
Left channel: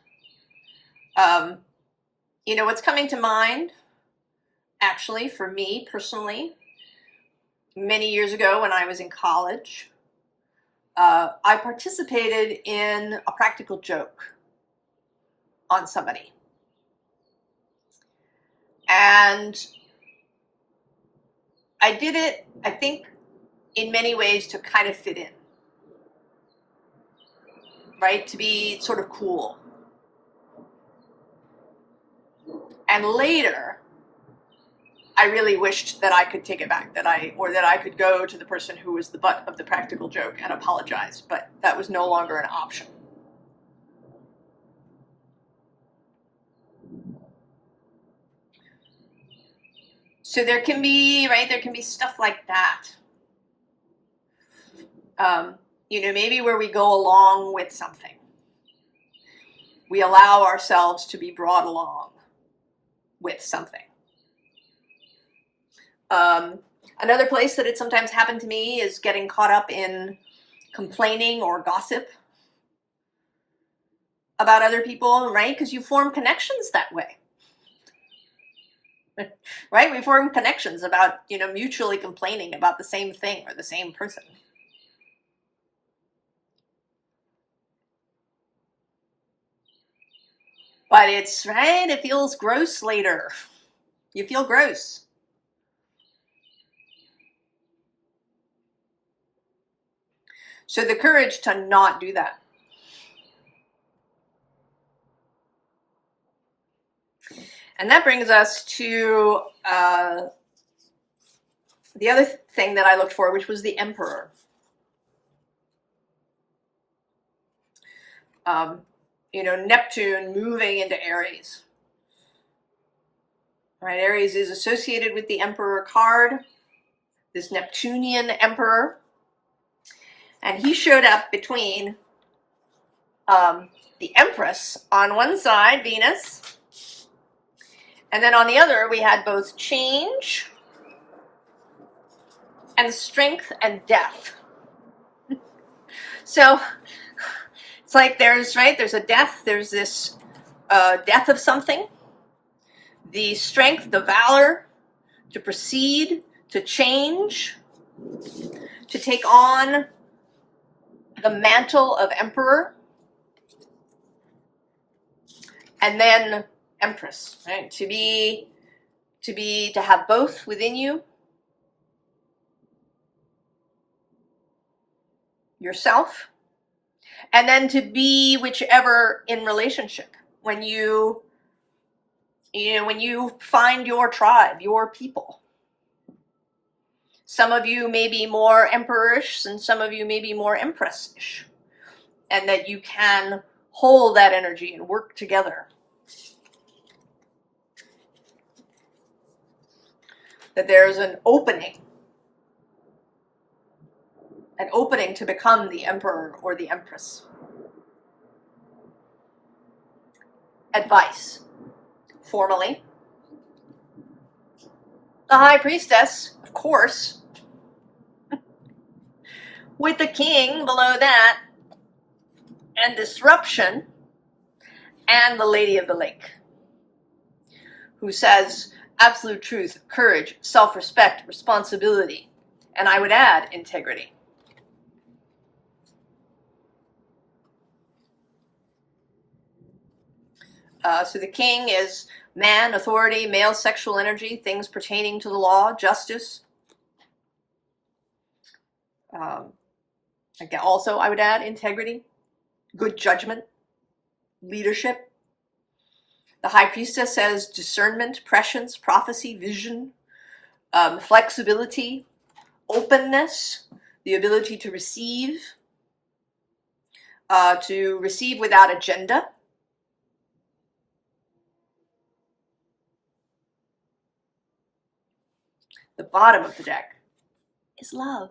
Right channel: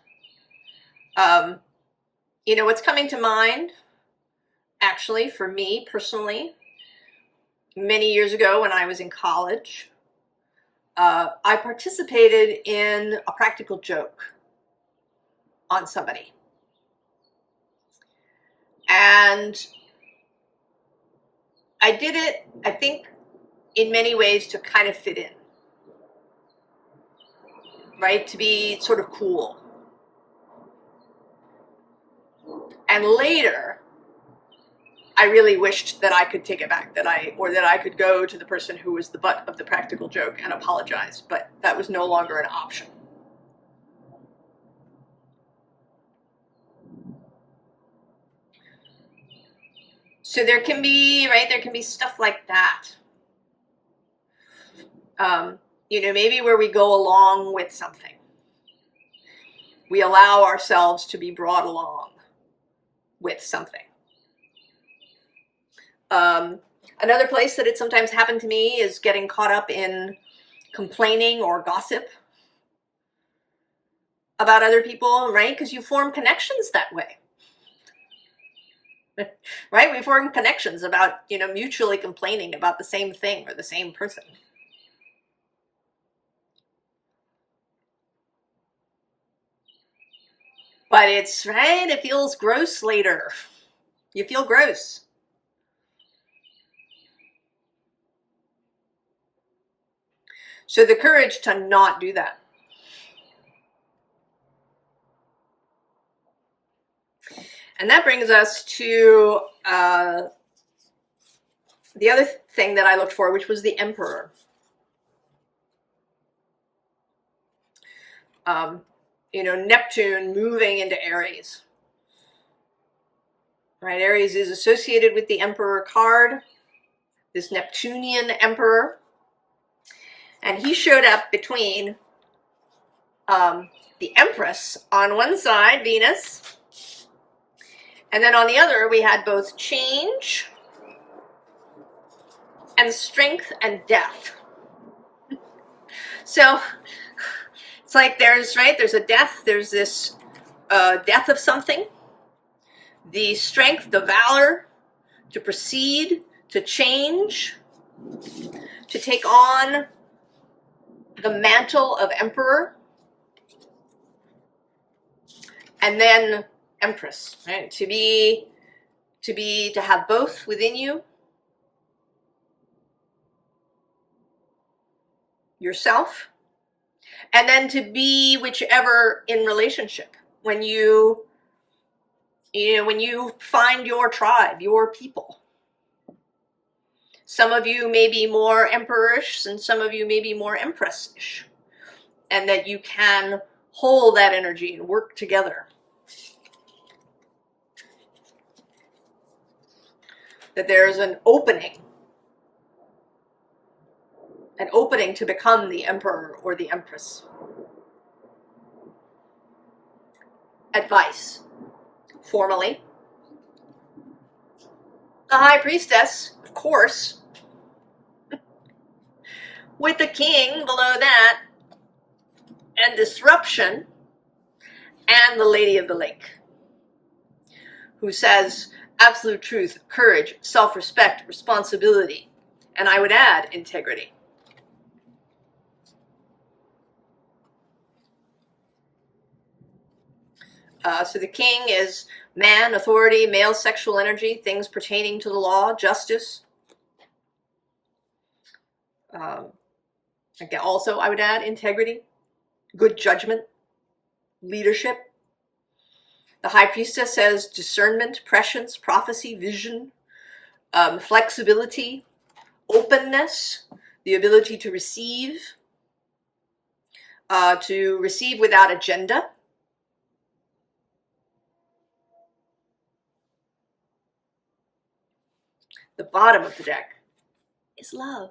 You know, what's coming to mind, actually, for me personally, many years ago when I was in college, I participated in a practical joke on somebody. And I did it, I think, in many ways to kind of fit in, right? To be sort of cool. And later, I really wished that I could take it back, that I could go to the person who was the butt of the practical joke and apologize, but that was no longer an option. So there can be, right, there can be stuff like that. You know, maybe where we go along with something. We allow ourselves to be brought along with something. Another place that it sometimes happened to me is getting caught up in complaining or gossip about other people, right? Because you form connections that way. Right? We form connections about, you know, mutually complaining about the same thing or the same person. But it's, right, it feels gross later. You feel gross. So the courage to not do that. And that brings us to the other thing that I looked for, which was the Emperor. You know, Neptune moving into Aries. Right, Aries is associated with the Emperor card, this Neptunian Emperor. And he showed up between the Empress on one side, Venus, and then on the other we had both change and strength and death. So it's like there's a death, there's this death of something, the strength, the valor to proceed, to change, to take to the mantle of emperor, and then empress, right? To have both within you, yourself, and then to be whichever in relationship. When you find your tribe, your people. Some of you may be more emperorish and some of you may be more empressish. And that you can hold that energy and work together. That there's an opening to become the emperor or the empress. Advice. Formally. The high priestess, of course. With the king below that. And disruption. And the lady of the lake. Who says absolute truth, courage, self-respect, responsibility. And I would add integrity. So the king is man, authority, male sexual energy, things pertaining to the law, justice. Also, I would add integrity, good judgment, leadership. The high priestess says discernment, prescience, prophecy, vision, flexibility, openness, the ability to receive without agenda. The bottom of the deck is love.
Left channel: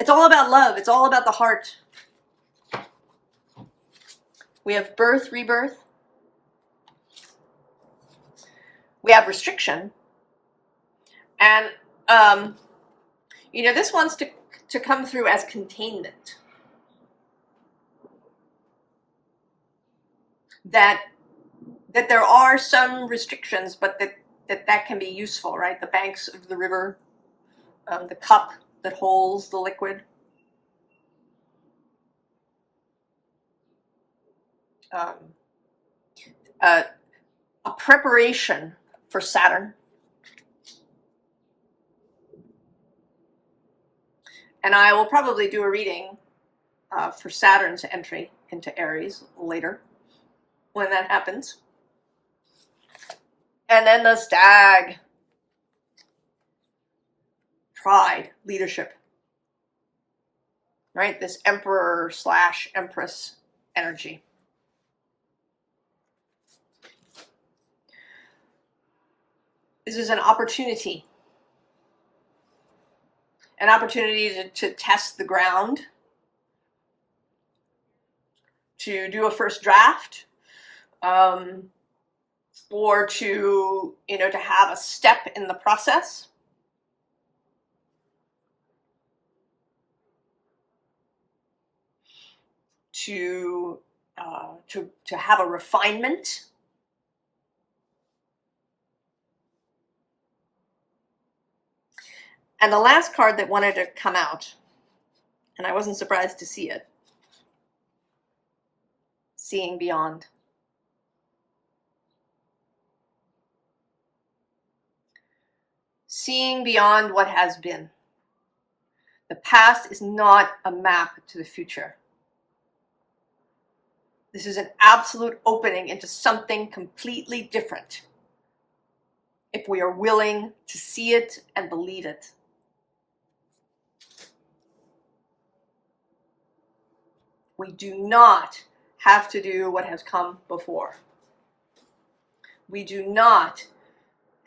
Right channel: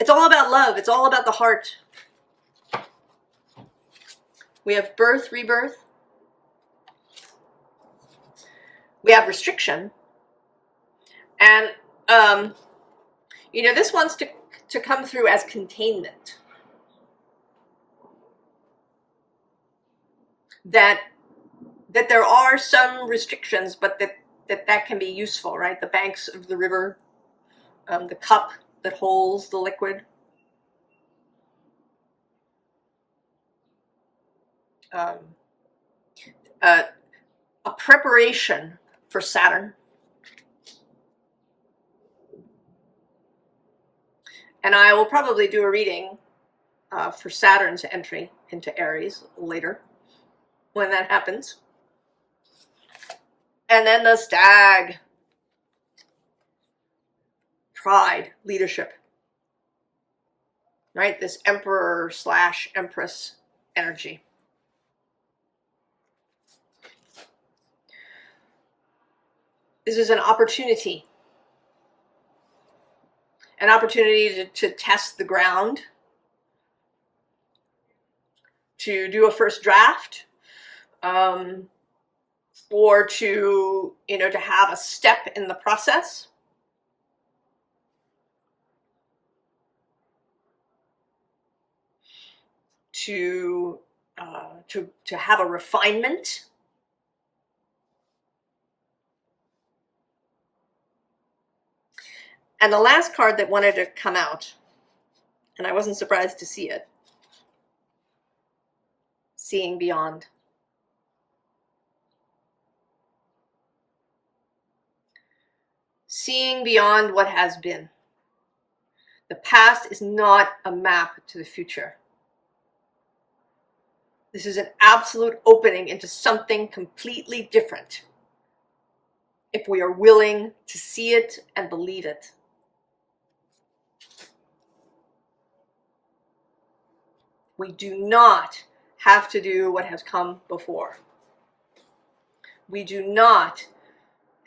It's all about love. It's all about the heart. We have birth, rebirth. We have restriction. And, this wants to to come through as containment. That there are some restrictions, but that can be useful, right? The banks of the river, the cup that holds the liquid. A preparation for Saturn. And I will probably do a reading for Saturn's entry into Aries later, when that happens. And then the stag. Pride, leadership. Right? This emperor / empress energy. This is an opportunity. An opportunity to test the ground, to do a first draft, or to have a step in the process. To have a refinement. And the last card that wanted to come out, and I wasn't surprised to see it, seeing beyond. Seeing beyond what has been. The past is not a map to the future. This is an absolute opening into something completely different, if we are willing to see it and believe it. We do not have to do what has come before. We do not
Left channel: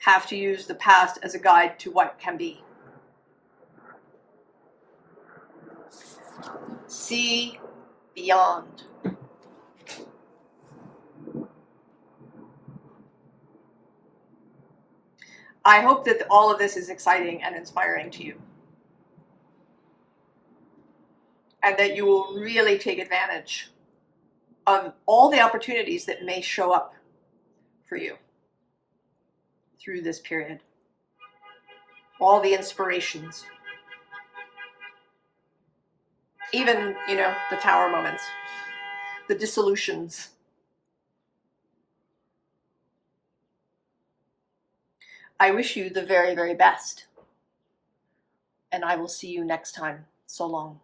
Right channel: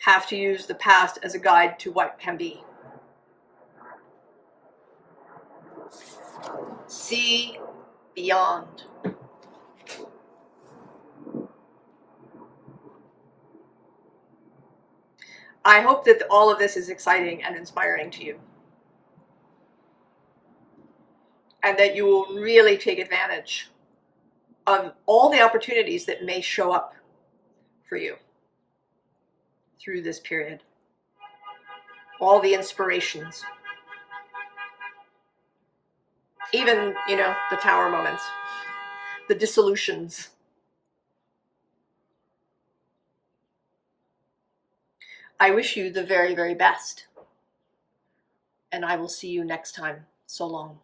have to use the past as a guide to what can be. See beyond. I hope that all of this is exciting and inspiring to you. And that you will really take advantage of all the opportunities that may show up for you through this period. All the inspirations. Even, the tower moments. The dissolutions. I wish you the very, very best. And I will see you next time. So long.